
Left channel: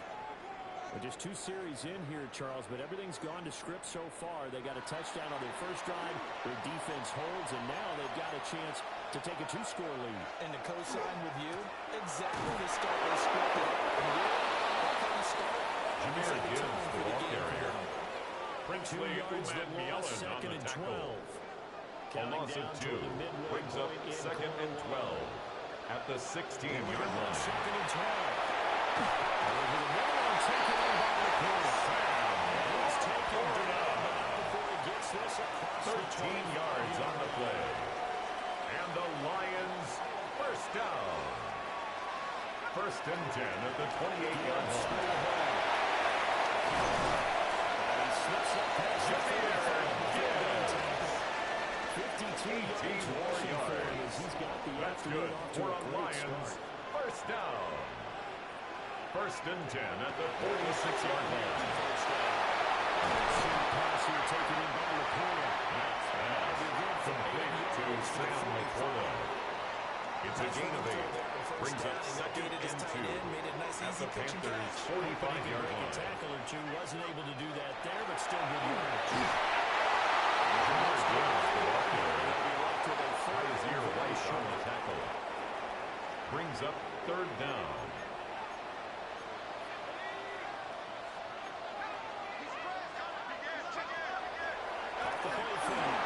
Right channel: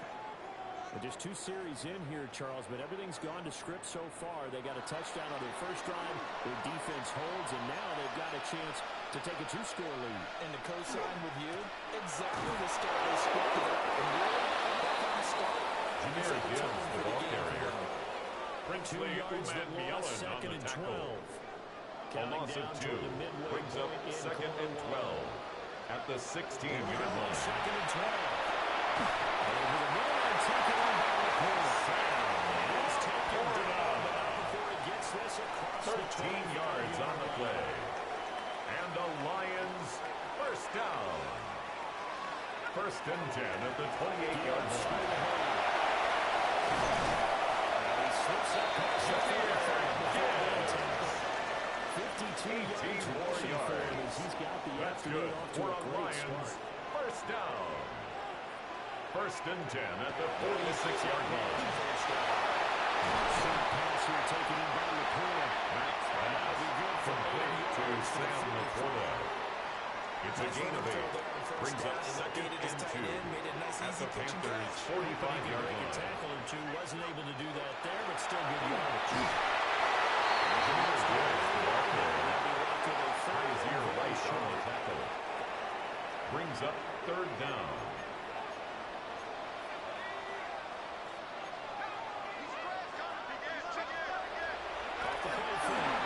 Well, just 2 series in here, Charles, but everything's gone to script so far. They got a touchdown on their first drive. Their defense holds, and now they've got a chance to take a 2-score lead. And to co-sign with you, exactly the start they scripted up. And really, that kind of start, Jameer Gibbs, the ball carrier. 2 Princely yards Uman of loss, Mielen on second the and tackle. 12. A Counting loss of down 2. toward the midway Brings up point in second and quarter 12 at the 16-yard line. Second and 12. Over the middle and taken on by the corner. And he's taken down, but not before he gets this across 13 yards on the play. And the Lions first down. First and 10 at the 28-yard line. And he slips up past the 45 before being tackled. 52 yards more rushing for him yards. as he's got the That's afternoon good off to for a a great Lions start. first down. First and 10 at the 46-yard line. First down. Short pass here taken in by Laporta. Max pass complete to Sam Laporta. It's a gain of 8. Brings up second and 2 at the Panthers' 45-yard A line. tackle or two, wasn't able to do that there, but still good yardage. Jameer Gibbs, the ball carrier. They'll be left with a third High as ear and right very on the short. tackle. Brings up third down. Off the play fake.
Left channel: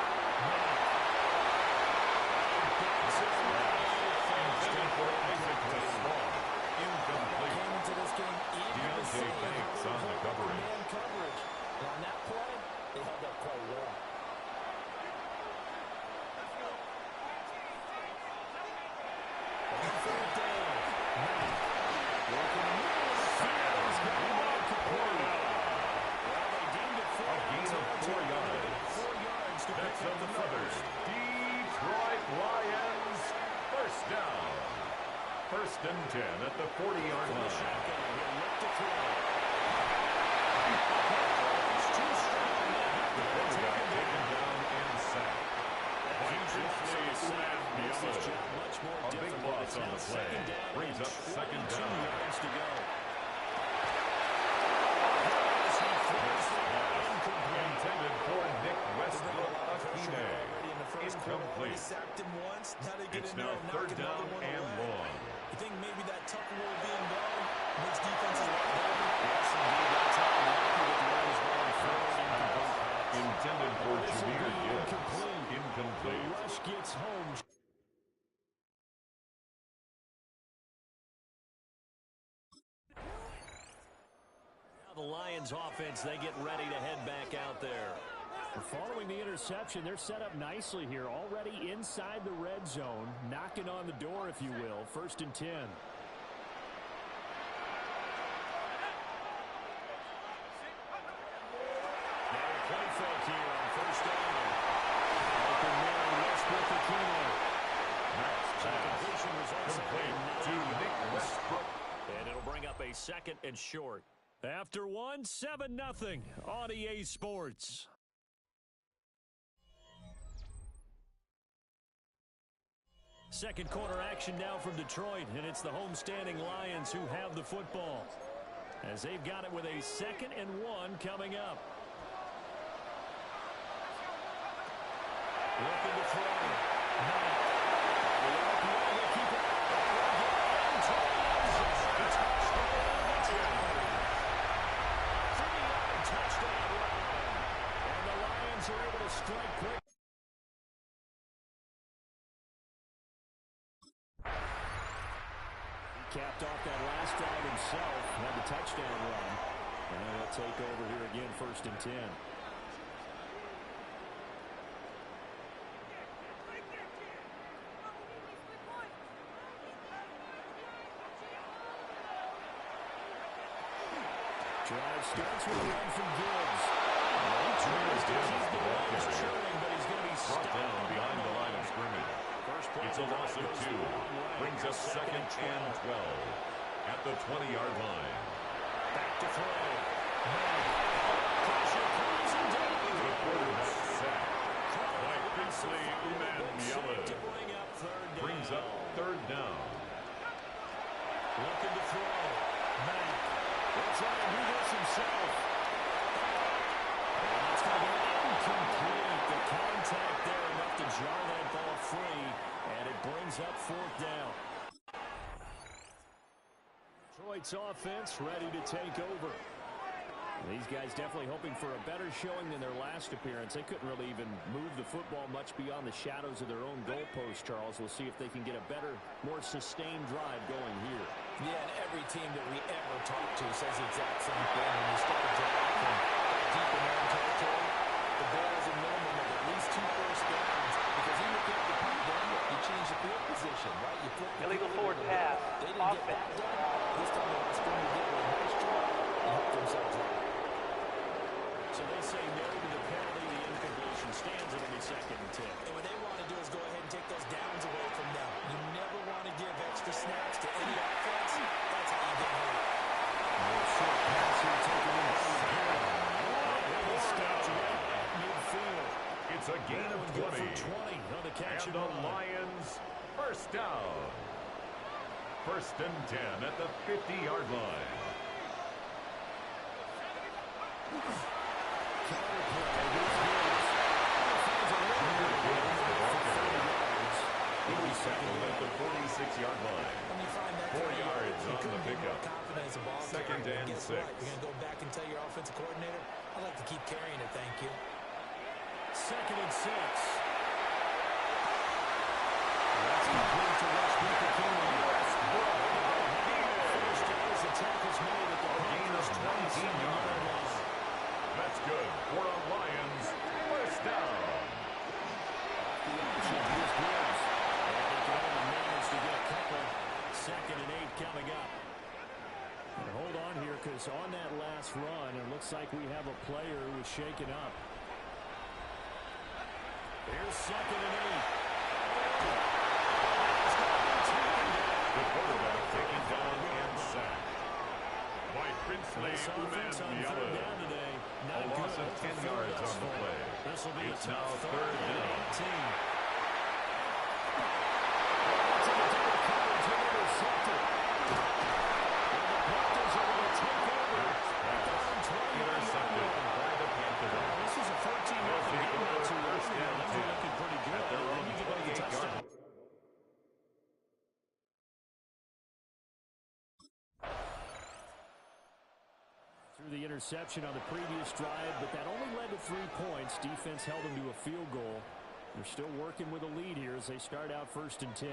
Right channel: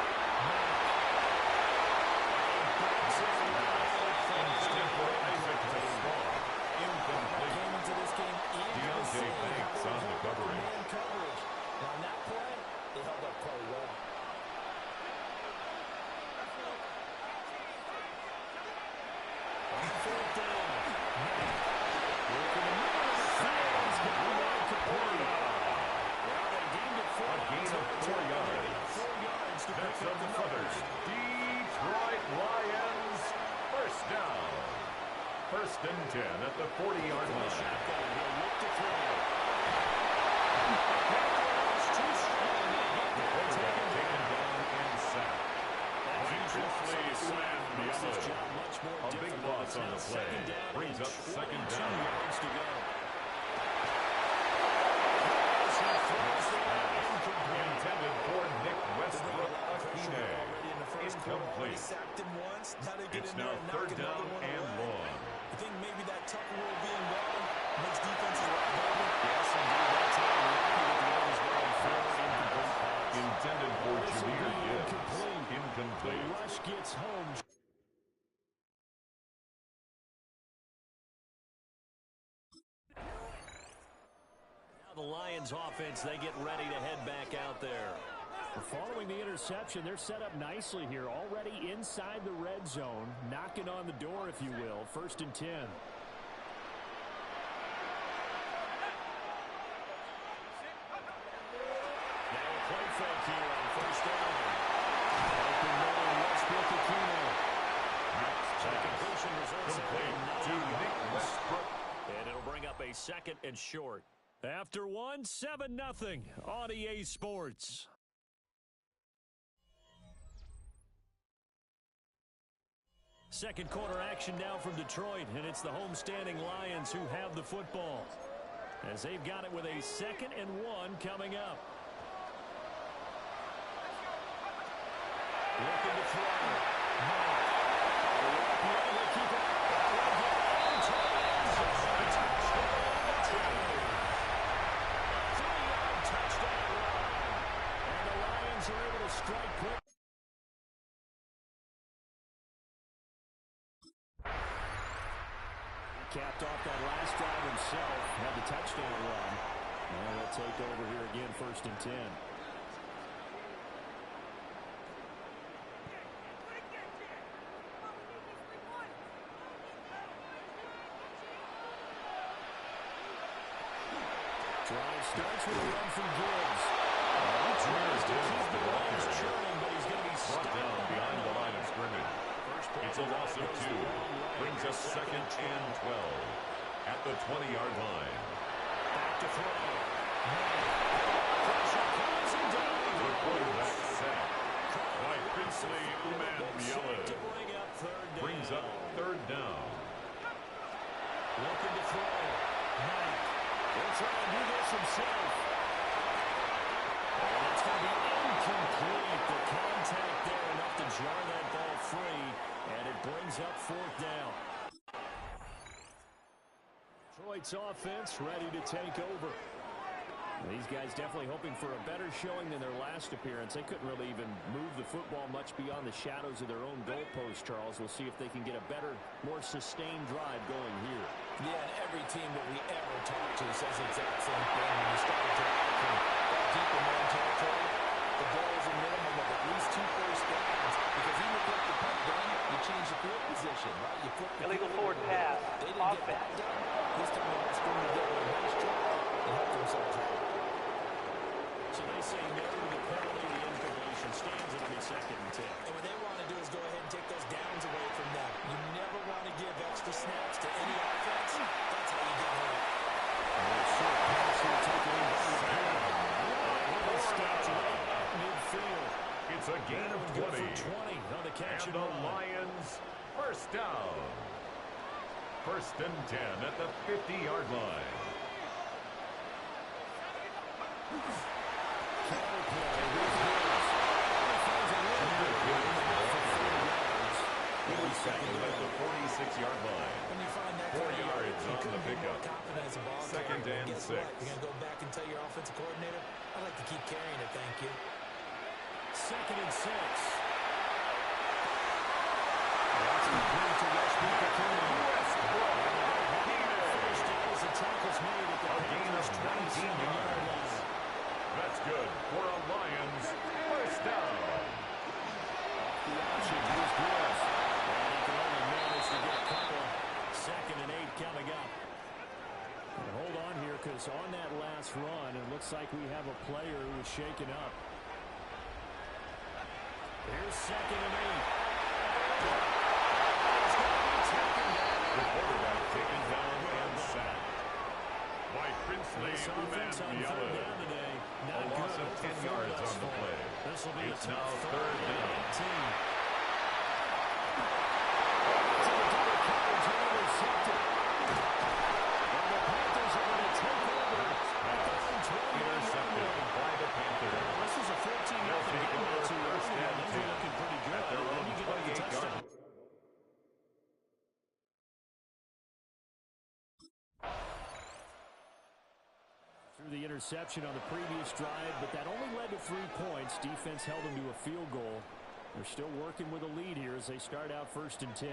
Intended for Isaac to Spawn. Incomplete. Came into this game eager to Deontay see how Banks they on the hold coverage. man coverage. And on that play, they held up quite well. On third down. Matt. Working the middle of the field. He's got a man complete. Well, they deemed it 4 A gain of 4 yards. 4 yards to That's pick up the another first. Detroit Lions first down. First and 10 at the 40-yard line. Shotgun. He'll look to throw. It's too strong. The quarterback taken down and sacked. Princely Uman Mielen. A big loss on the play. Brings up second down. Yards to go. Intended for Nick Westbrook Akine. Incomplete. complete. Sacked him once. Now they get It's in there now and knock third another down one and away. long. I think maybe that tougher role being guard makes defenses a lot bolder. Yes, indeed. That time, lucky that the Oilers going forward. Incomplete pass. Intended for This will Jameer be Gibbs. incomplete. Incomplete. The rush gets home. Now the Lions offense, they get ready to head back out there. Following the interception, they're set up nicely here, already inside the red zone, knocking on the door, if you will. 1st and 10. Now a play fake here on 1st down. Open man, Westbrook-Ikhine. Max So the pass. completion results Complete to Nick Westbrook. and it'll bring up a 2nd and short. After 7-0 on EA Sports. Second quarter action now from Detroit, and it's the homestanding Lions who have the football, as they've got it with a 2nd and 1 coming up. Looking to throw. Matt. The RPO will keep it. That will get into the end zone. Touchdown. 3-yard touchdown run. And the Lions are able to strike quick. He capped off that last drive himself. Had the touchdown run. And they'll take over here again, 1st and 10. Drive starts with a run from Gibbs. He tries to keep the Lions churning, but he's going to be Brought down behind the line of scrimmage. It's a loss of 2. Brings up 2nd and 12 at the 20-yard line. Back to throw. Pressure comes and down. The quarterback sack by Princely Umanmiele. Brings up 3rd down. Looking to throw. Knight. He'll try and do this himself. And that's going to be incomplete. The contact there enough to jar that ball free. And it brings up 4th down. Detroit's offense ready to take over. These guys definitely hoping for a better showing than their last appearance. They couldn't really even move the football much beyond the shadows of their own goalpost, Charles. We'll see if they can get a better, more sustained drive going here. Yeah, and every team that we ever talk to says the exact same thing. When you start a drive from that deep in their own territory, the goal is a minimum of at least 2 first downs. Because even if you have to punt then, you change the field position, right? You flip the illegal field forward pass. They didn't get that done. This time they want to string together a nice drive and help themselves out. So they say no to the penalty. The incompletion stands. It'll be 2nd and 10. And what they want to do is go ahead and take those downs away from them. You never want to give extra snaps to any offense. That's how you get hurt. Short pass here taken in by Sam. It stopped right at midfield. It's a gain of 20. 20 on the catch And and the run. Lions 1st down. 1st and 10 at the 50-yard line. Counterplay with Gibbs. He finds a little bit of room for 30 yards. He was tackled at the 46-yard line. When you find that 4 kind of yards you on the couldn't be more pickup. confident as a ball 2nd carrier. and Guess 6. what? You're going to go back and tell your offensive coordinator, I'd like to keep carrying it, thank you. 2nd and 6. That's complete to Westbrook-Ikhine. First down as the tackle's made at the gain of 19 yards. line. That's good for a Lions 1st down. Off the option, here's Gibbs. And he can only manage to get a couple. 2nd and 8 coming up. And hold on here, because on that last run, it looks like we have a player who was shaken up. Here's 2nd and 8. It's going to be taken down. The quarterback taken down and sacked by Princely This offense on 3rd down Umanmiele. today. A Not loss good. of 10 Over yards thus on the far. play. This will be It's a tough now 3rd down. 18. To the double coverage and intercepted. And the Panthers are going to take over. Pass intercepted by the Panthers. This is a 14-0 They'll take game over not too 1st early. and Things 10 are looking pretty good. at their And then own you get a interception on the previous drive, but that only led to 3 points. Defense held them to a field goal. They're still working with a lead here as they start out 1st and 10.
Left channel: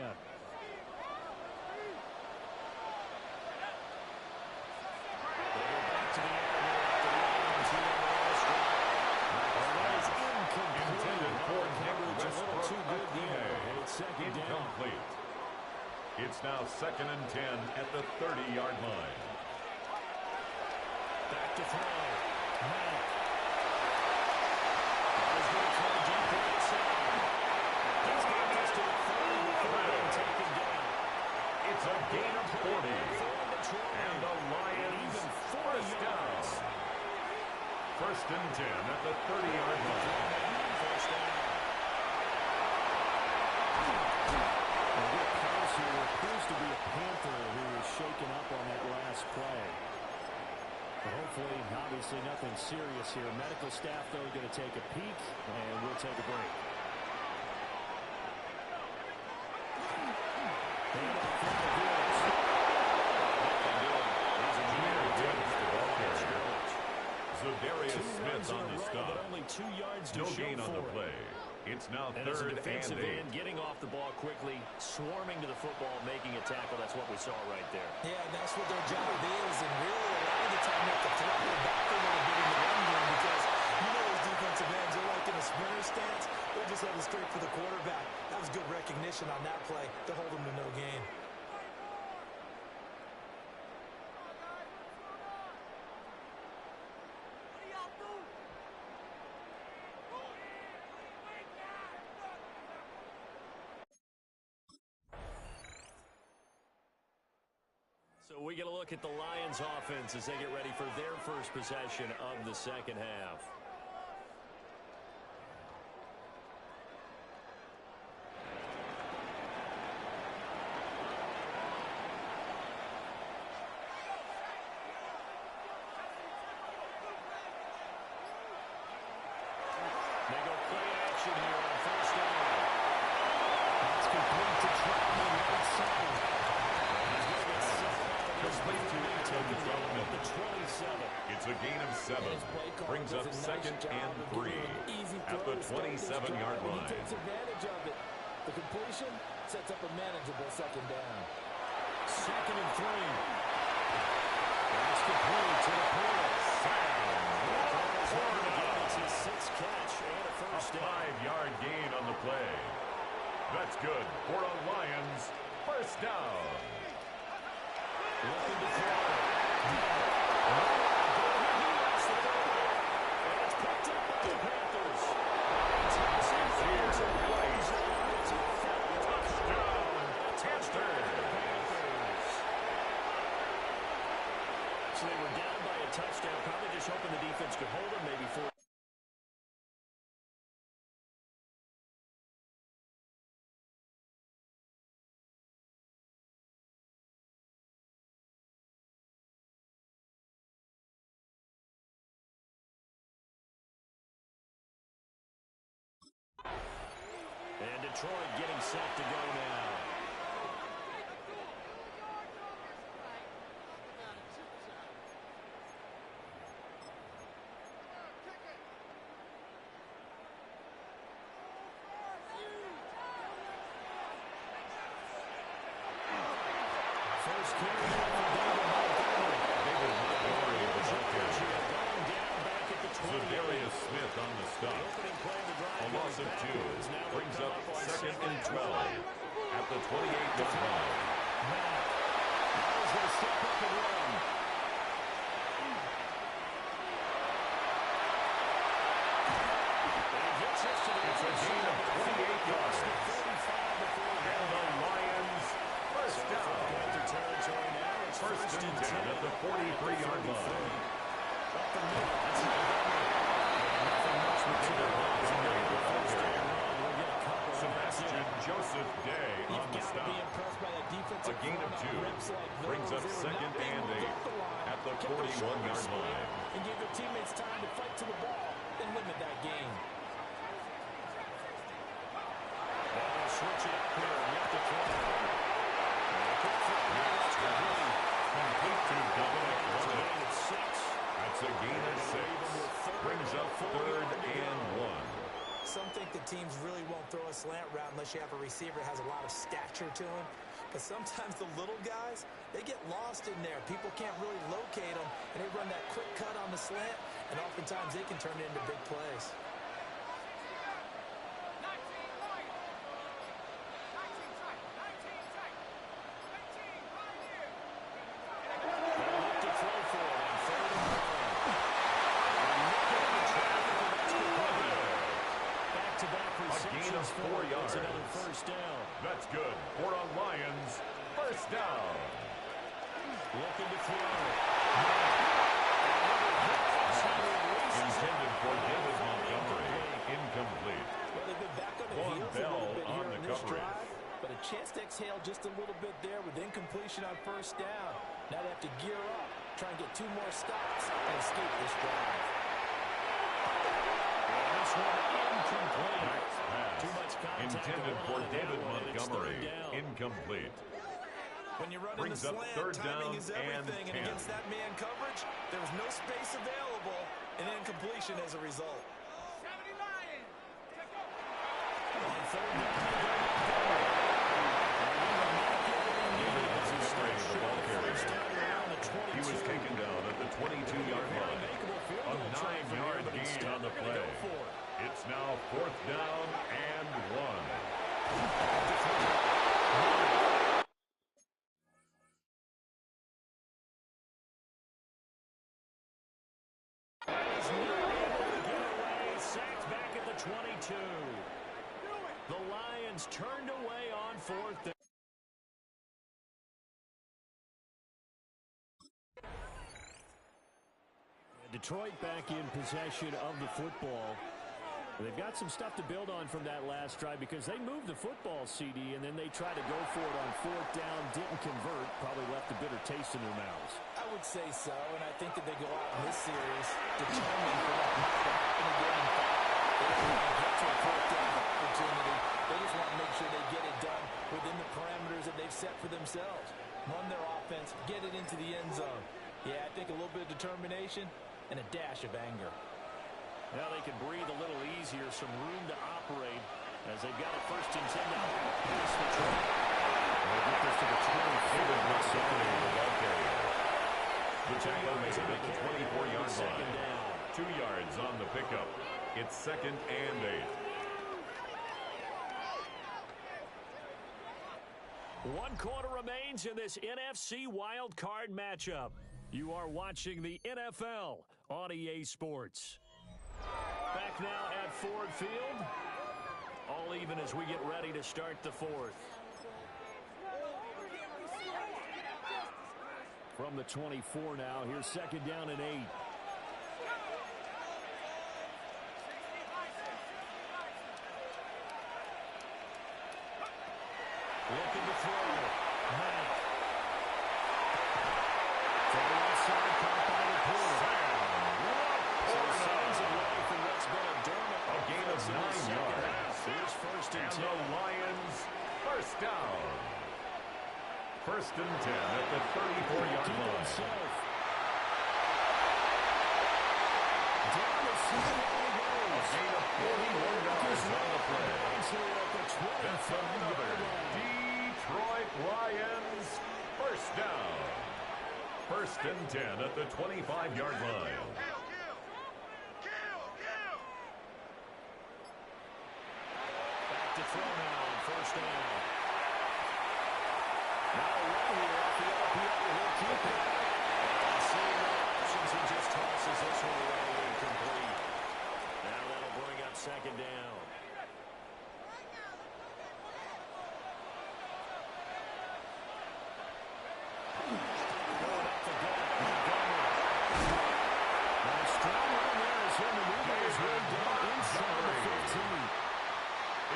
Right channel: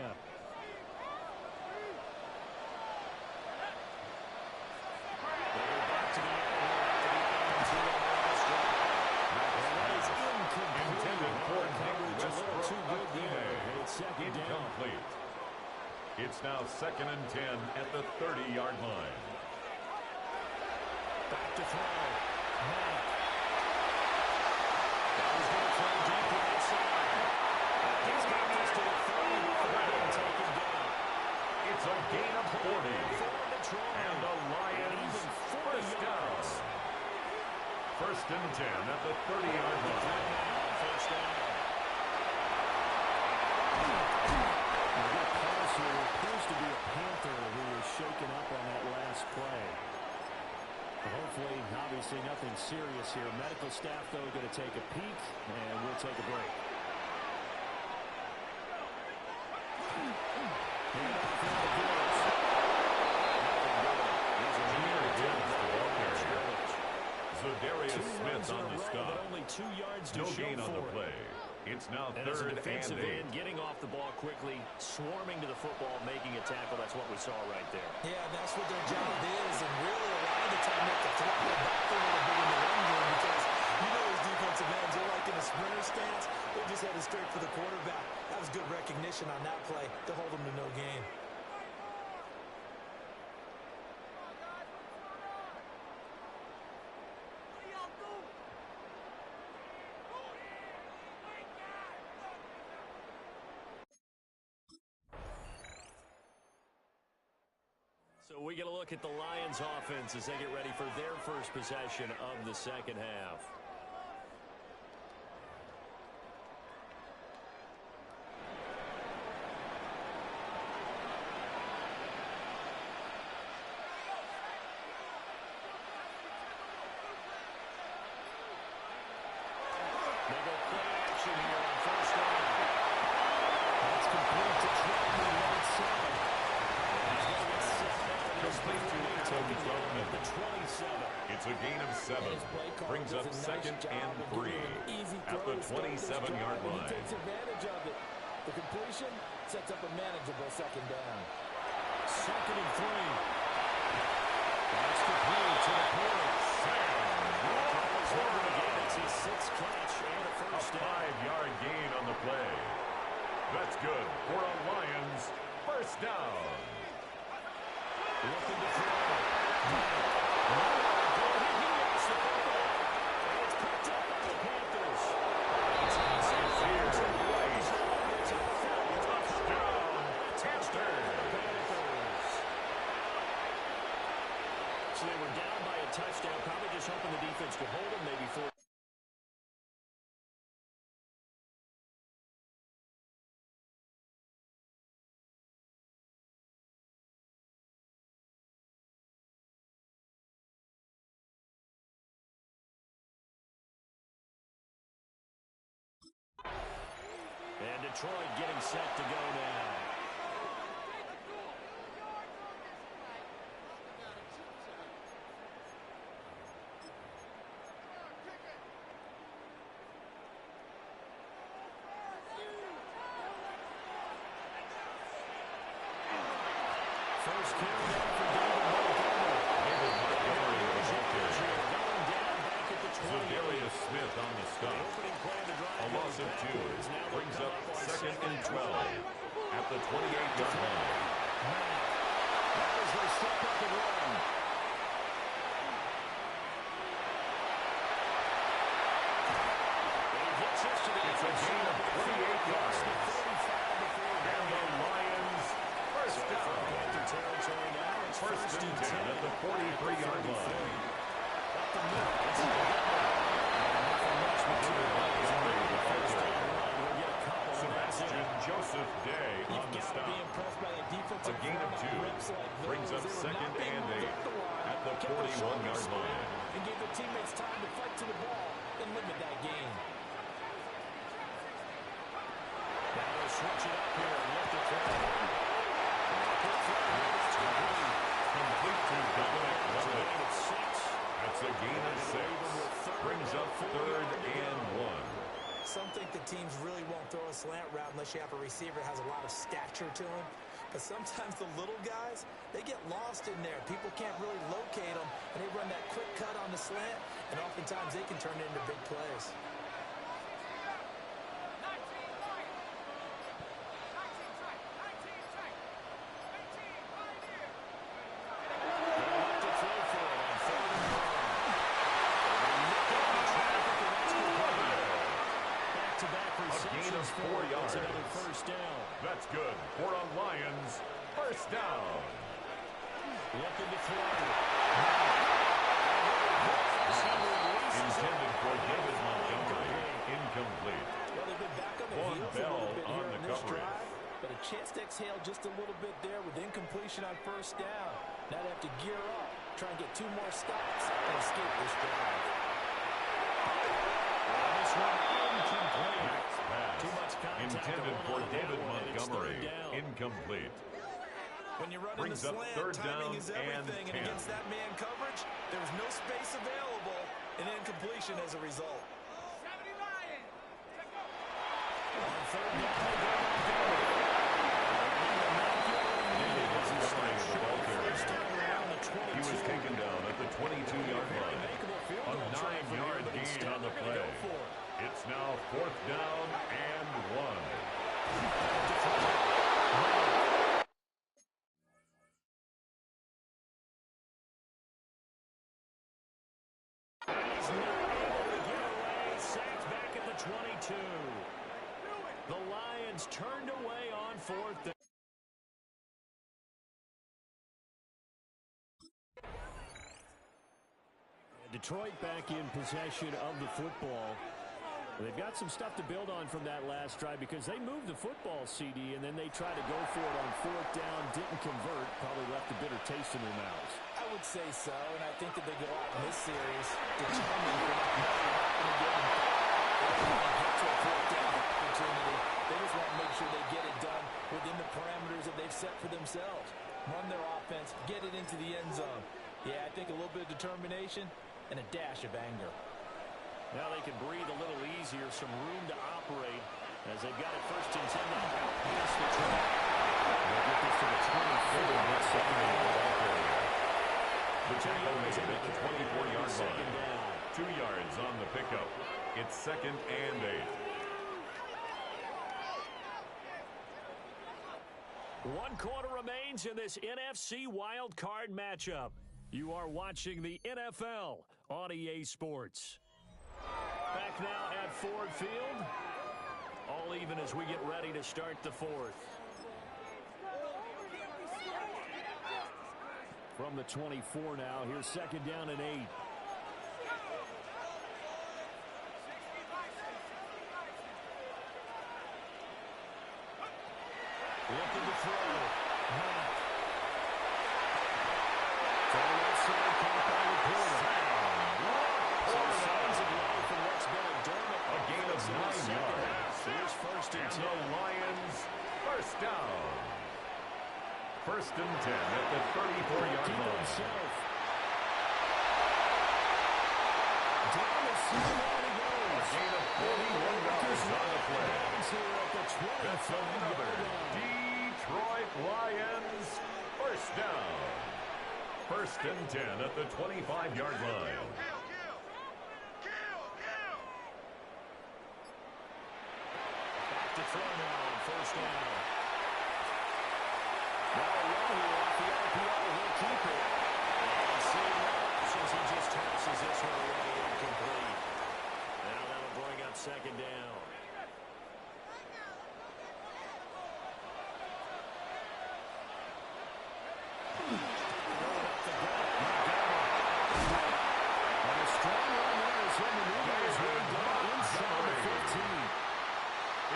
Intended for Nick Westbrook, a little too good there. It's second incomplete. Down. It's now 2nd and 10 at the 30-yard line. Back to throw. Mack. That was going to throw deep right side. He's got this to the 30 before being taken down. It's a gain of 40. And the Lions first down. 1st and 10 at the 30-yard line. First down. We'll get a pass here. There appears to be a Panther who is shaken up on that last play. Hopefully, obviously, nothing serious here. Medical staff, though, going to take a peek, and we'll take a break. Hand off in the Bills. Nothing good. He's a the ball carrier. Za'Darius Smith on the stop. Only 2 yards to no show gain on the for it. play. It's now And as a 3rd defensive and 8. end, getting off the ball quickly, swarming to the football, making a tackle. That's what we saw right there. Yeah, that's what their job is, and really a lot of the time they have to throttle back a little bit in the run game because you know those defensive ends, they're like in a sprinter stance. They're just headed straight for the quarterback. That was good recognition on that play to hold them to no gain. So we get a look at the Lions offense as they get ready for their first possession of the second half. They go play action here on 1st down. That's complete to Troutman right side. He's going to get 7 out of this. Complete to Adam Troutman at the 27. It's a gain of 7. Brings up 2nd and 3 at the 27-yard line. He takes advantage of it. The completion sets up a manageable 2nd down. 2nd and 3. That's complete to the Porter. It's his 6th catch and a first down. A 5-yard gain on the play. That's good for a Lions first down. Looking to throw. He lost the football. And it's picked up by the Panthers. It's here, right. Touchdown, Panthers. So they were down by a touchdown, probably just hoping the defense could hold them, maybe for. And Detroit getting set to go now. First carry down for David Montgomery. David Montgomery, the ball carrier. Going down back at the 20. Za'Darius Smith on the stop. A loss of 2 brings up 2nd and 12 at the 28-yard line. Mack. Now he's going to step up and run. And he gets this to the It's a gain of 28 yards. And the Lions first down. Territory now. It's 1st and 10 at the 43-yard line. Up the middle. It's nothing much material. Montgomery, the ball carrier. We'll get a couple. Sebastian Joseph Day on the stop. A gain of 2 brings up 2nd and 8 at the 41-yard line. And give their teammates time to fight to the ball and limit that gain. Now they'll switch it up here and lift the throw. Quick throw here. That's complete. Complete to Dominic Lovett. Gain of 6. That's a gain of 6. Brings up 3rd and 1. Some think the teams really won't throw a slant route unless you have a receiver that has a lot of stature to him. But sometimes the little guys, they get lost in there. People can't really locate them, and they run that quick cut on the slant, and oftentimes they can turn it into big plays. A gain of 4 yards. Another first down. That's good for a Lions first down. Looking to throw. Intended for David Montgomery. Incomplete. Well, they've been back on their Von heels a Bell little bit on here the in this coverage. drive, but a chance to exhale just a little bit there with incompletion on first down. Now they have to gear up, try and get 2 more stops, and escape this drive. And this one incomplete. Pass. Too much contact. Intended for David Montgomery. Down. Incomplete. When you're running Brings the up slant, 3rd timing down is and everything, 10. and against that man coverage, there was no space available, and incompletion as a result. On 3rd down, they go Montgomery. And he will not get what he needed as he starts the ball carrier. first down around the 22. He was taken down at the 22-yard line. A 9-yard gain on the play. It's now 4th down and 1. He's not able to get away. Sacked back at the 22. The Lions turned away on 4th down. Detroit back in possession of the football. They've got some stuff to build on from that last drive because they moved the football, CD, and then they tried to go for it on 4th down, didn't convert, probably left a bitter taste in their mouths. I would say so, and I think that they go out in this series determined for that not to happen again. In fact, they don't want to get to a 4th down opportunity. They just want to make sure they get it done within the parameters that they've set for themselves. Run their offense, get it into the end zone. Yeah, I think a little bit of determination and a dash of anger. Now they can breathe a little easier, some room to operate as they've got it 1st and 10 now. Outpace the track. They'll get this to the 24. David Montgomery, the ball carrier. The tackle made at the 24-yard line. 2 yards on the pickup. It's 2nd and 8. 1 quarter remains in this NFC Wild Card matchup. You are watching the NFL on EA Sports. Back now at Ford Field. All even as we get ready to start the 4th. From the 24 now, here's 2nd down and 8. Looking to throw. Matt. From the left side, caught by Laporta. Some signs of life in what's been a dormant A gain of 9 yards. Here's 1st and 10. And the Lions first down. 1st and 10 at the 34-yard line. Down the sideline he goes. A gain of 41 yards on the play. That's another Detroit Lions first down. 1st and 10 at the 25-yard line. Back to throw now on 1st down. Now a run here off the RPO. He'll keep it. And seeing no options, he just tosses this one away incomplete. Now that'll bring up 2nd down. Going up the gut, Montgomery. And a strong run there as he'll maneuver his way down inside the 15.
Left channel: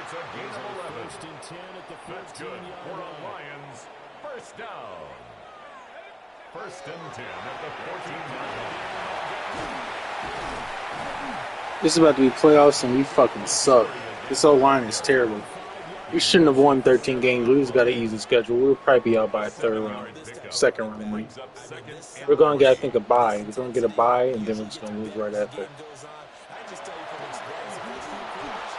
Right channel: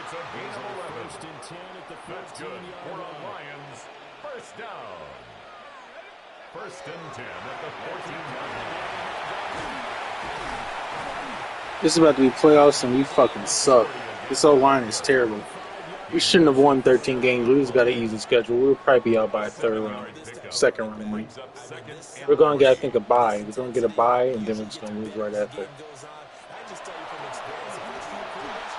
It's a gain of 11. 1st and 10 at the 14-yard line. That's good for a Lions first down. 1st and 10 at the 14-yard line. This is about to be playoffs, and we fucking suck. This O-line is terrible. 5-yard We shouldn't have won 13 games. We just got an easy schedule. We'll probably be out by a third round, second round. Like, we're going to get, I think, a bye. We're going to get a bye, and then we're just going to lose right after. I just tell you from experience, the first few quarters,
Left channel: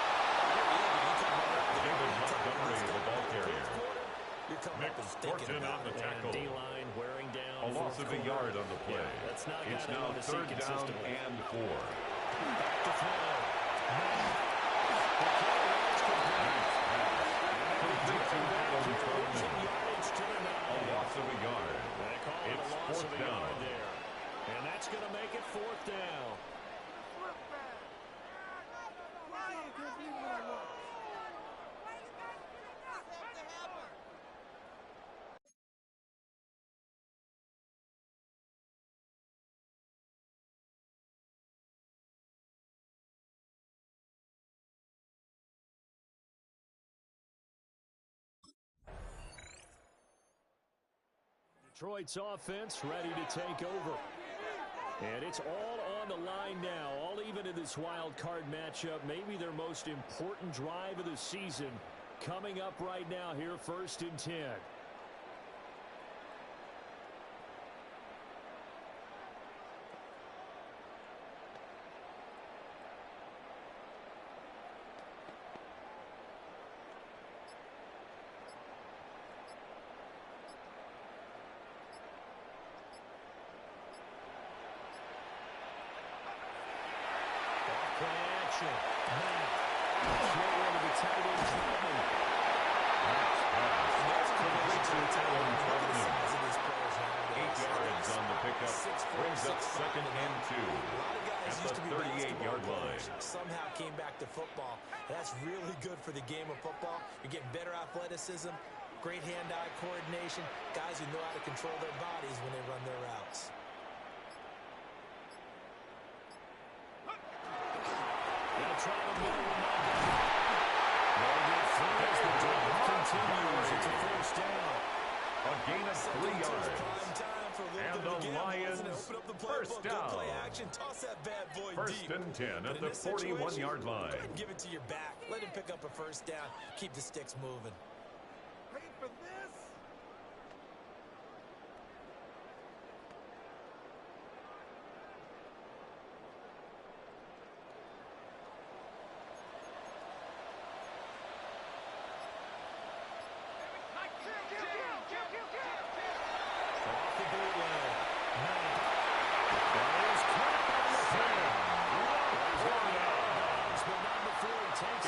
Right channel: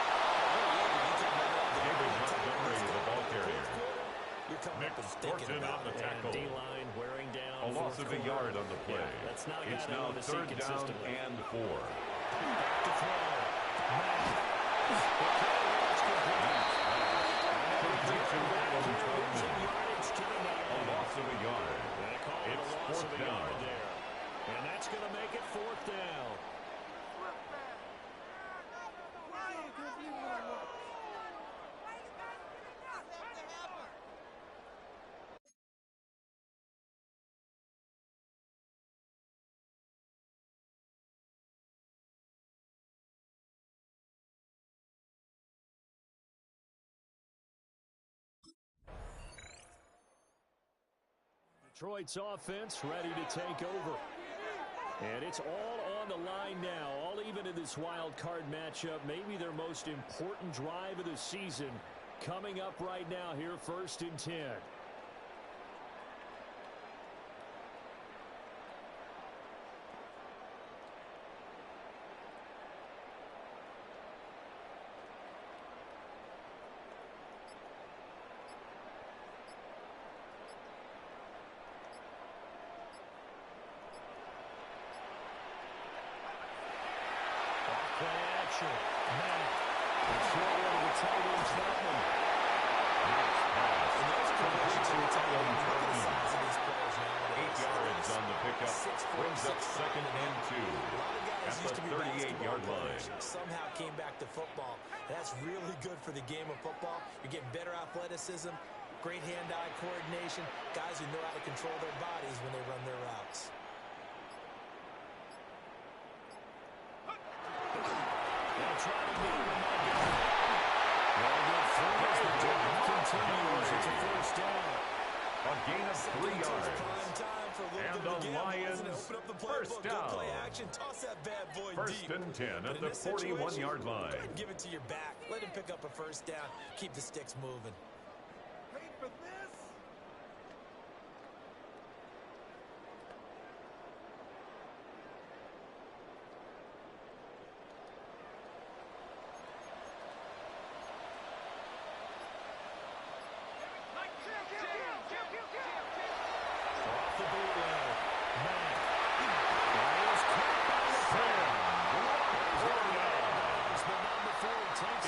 Fortune on the tackle. D-line wearing down. A loss of a yard on the play. Yeah, that's not it's now third down and 4. Back to throw. Complete to Adam Troutman. A loss of a yard. It's fourth down. And that's going to make it fourth down. Detroit's offense ready to take over. And it's all on the line now, all even in this wild card matchup. Maybe their most important drive of the season coming up right now here, 1st and 10. Play action. Matt. Short one to the tight end, Troutman. Matt's pass. Complete to Adam Troutman. 8 yards on the pickup. Brings up second and 2 at the 38-yard line. Somehow came back to football. That's really good for the game of football. You're getting better athleticism, great hand-eye coordination, guys who know how to control their bodies when they run their routes. Try to middle and not get it. Well, good through as the drive continues. It's a first down. A gain of 3 yards. And the Lions first down. First and 10 at the 41-yard line. Give it to your back. Let him pick up a first down. Keep the sticks moving. Paid for this.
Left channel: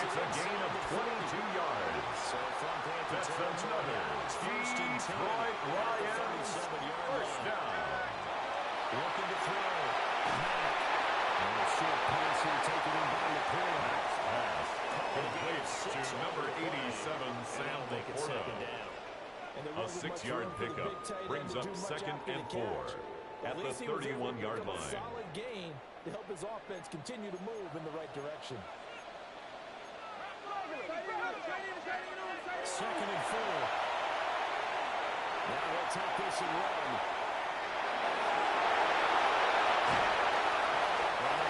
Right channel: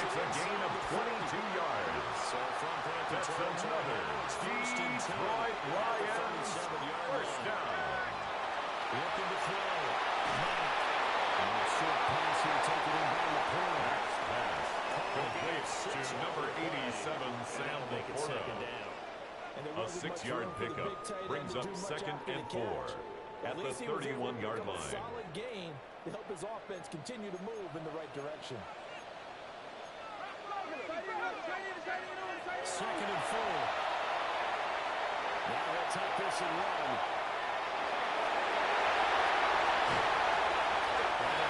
It's a gain of 22 yards. That's another Detroit Lions first down. Looking to throw. Matt. And a short pass here taken in by Laporta. Matt's pass completes to number 87, Sam Laporta. A 6-yard pickup brings up second and 4 at the 31-yard line. Solid gain to help his offense continue to move in the right direction. Second and 4. Now he'll take this and run.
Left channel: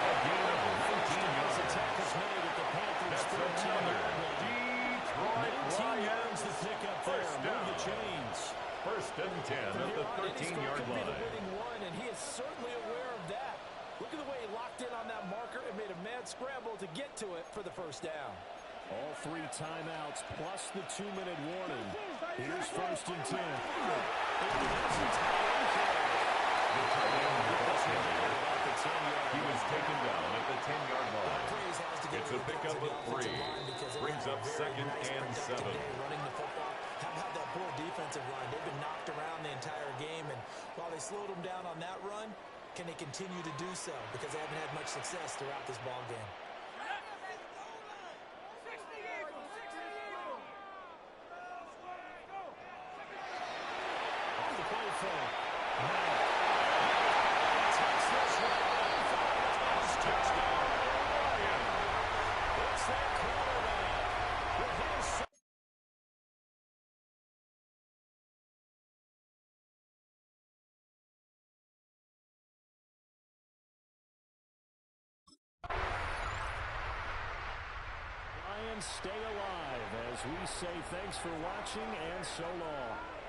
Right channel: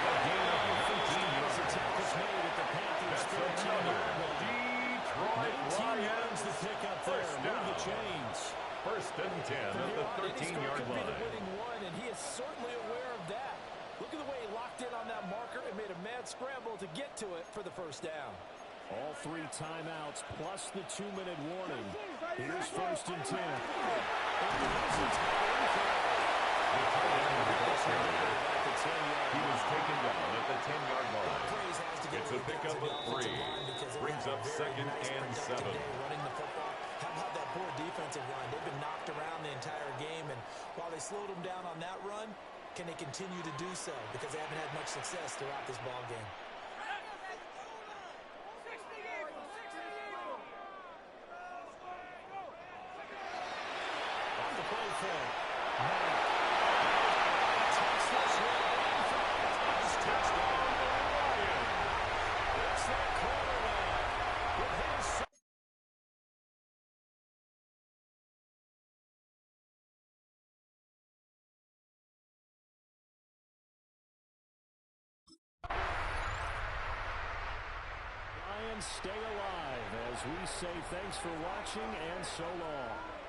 A gain of 19 yards. The tackle's made at the Panthers' That's another Detroit Lions the pickup first there. down. Move the chains. First and 10 at the 13-yard line. The winning one, and he is certainly aware of that. Look at the way he locked in on that marker and made a mad scramble to get to it for the first down. All 3 timeouts plus the 2-minute warning. Here's first and 10. The tight end of the ball carrier. He was taken down at the 10-yard line. It's a pickup of 3. Brings up second and 7. Running the football. How about that poor defensive line? They've been knocked around the entire game, and while they slowed them down on that run, can they continue to do so? Because they haven't had much success throughout this ball game. Off the play fake. Matt. Takes this one. Touchdown. Ryan. It's their quarterback with his. stay alive as we say thanks for watching and so long.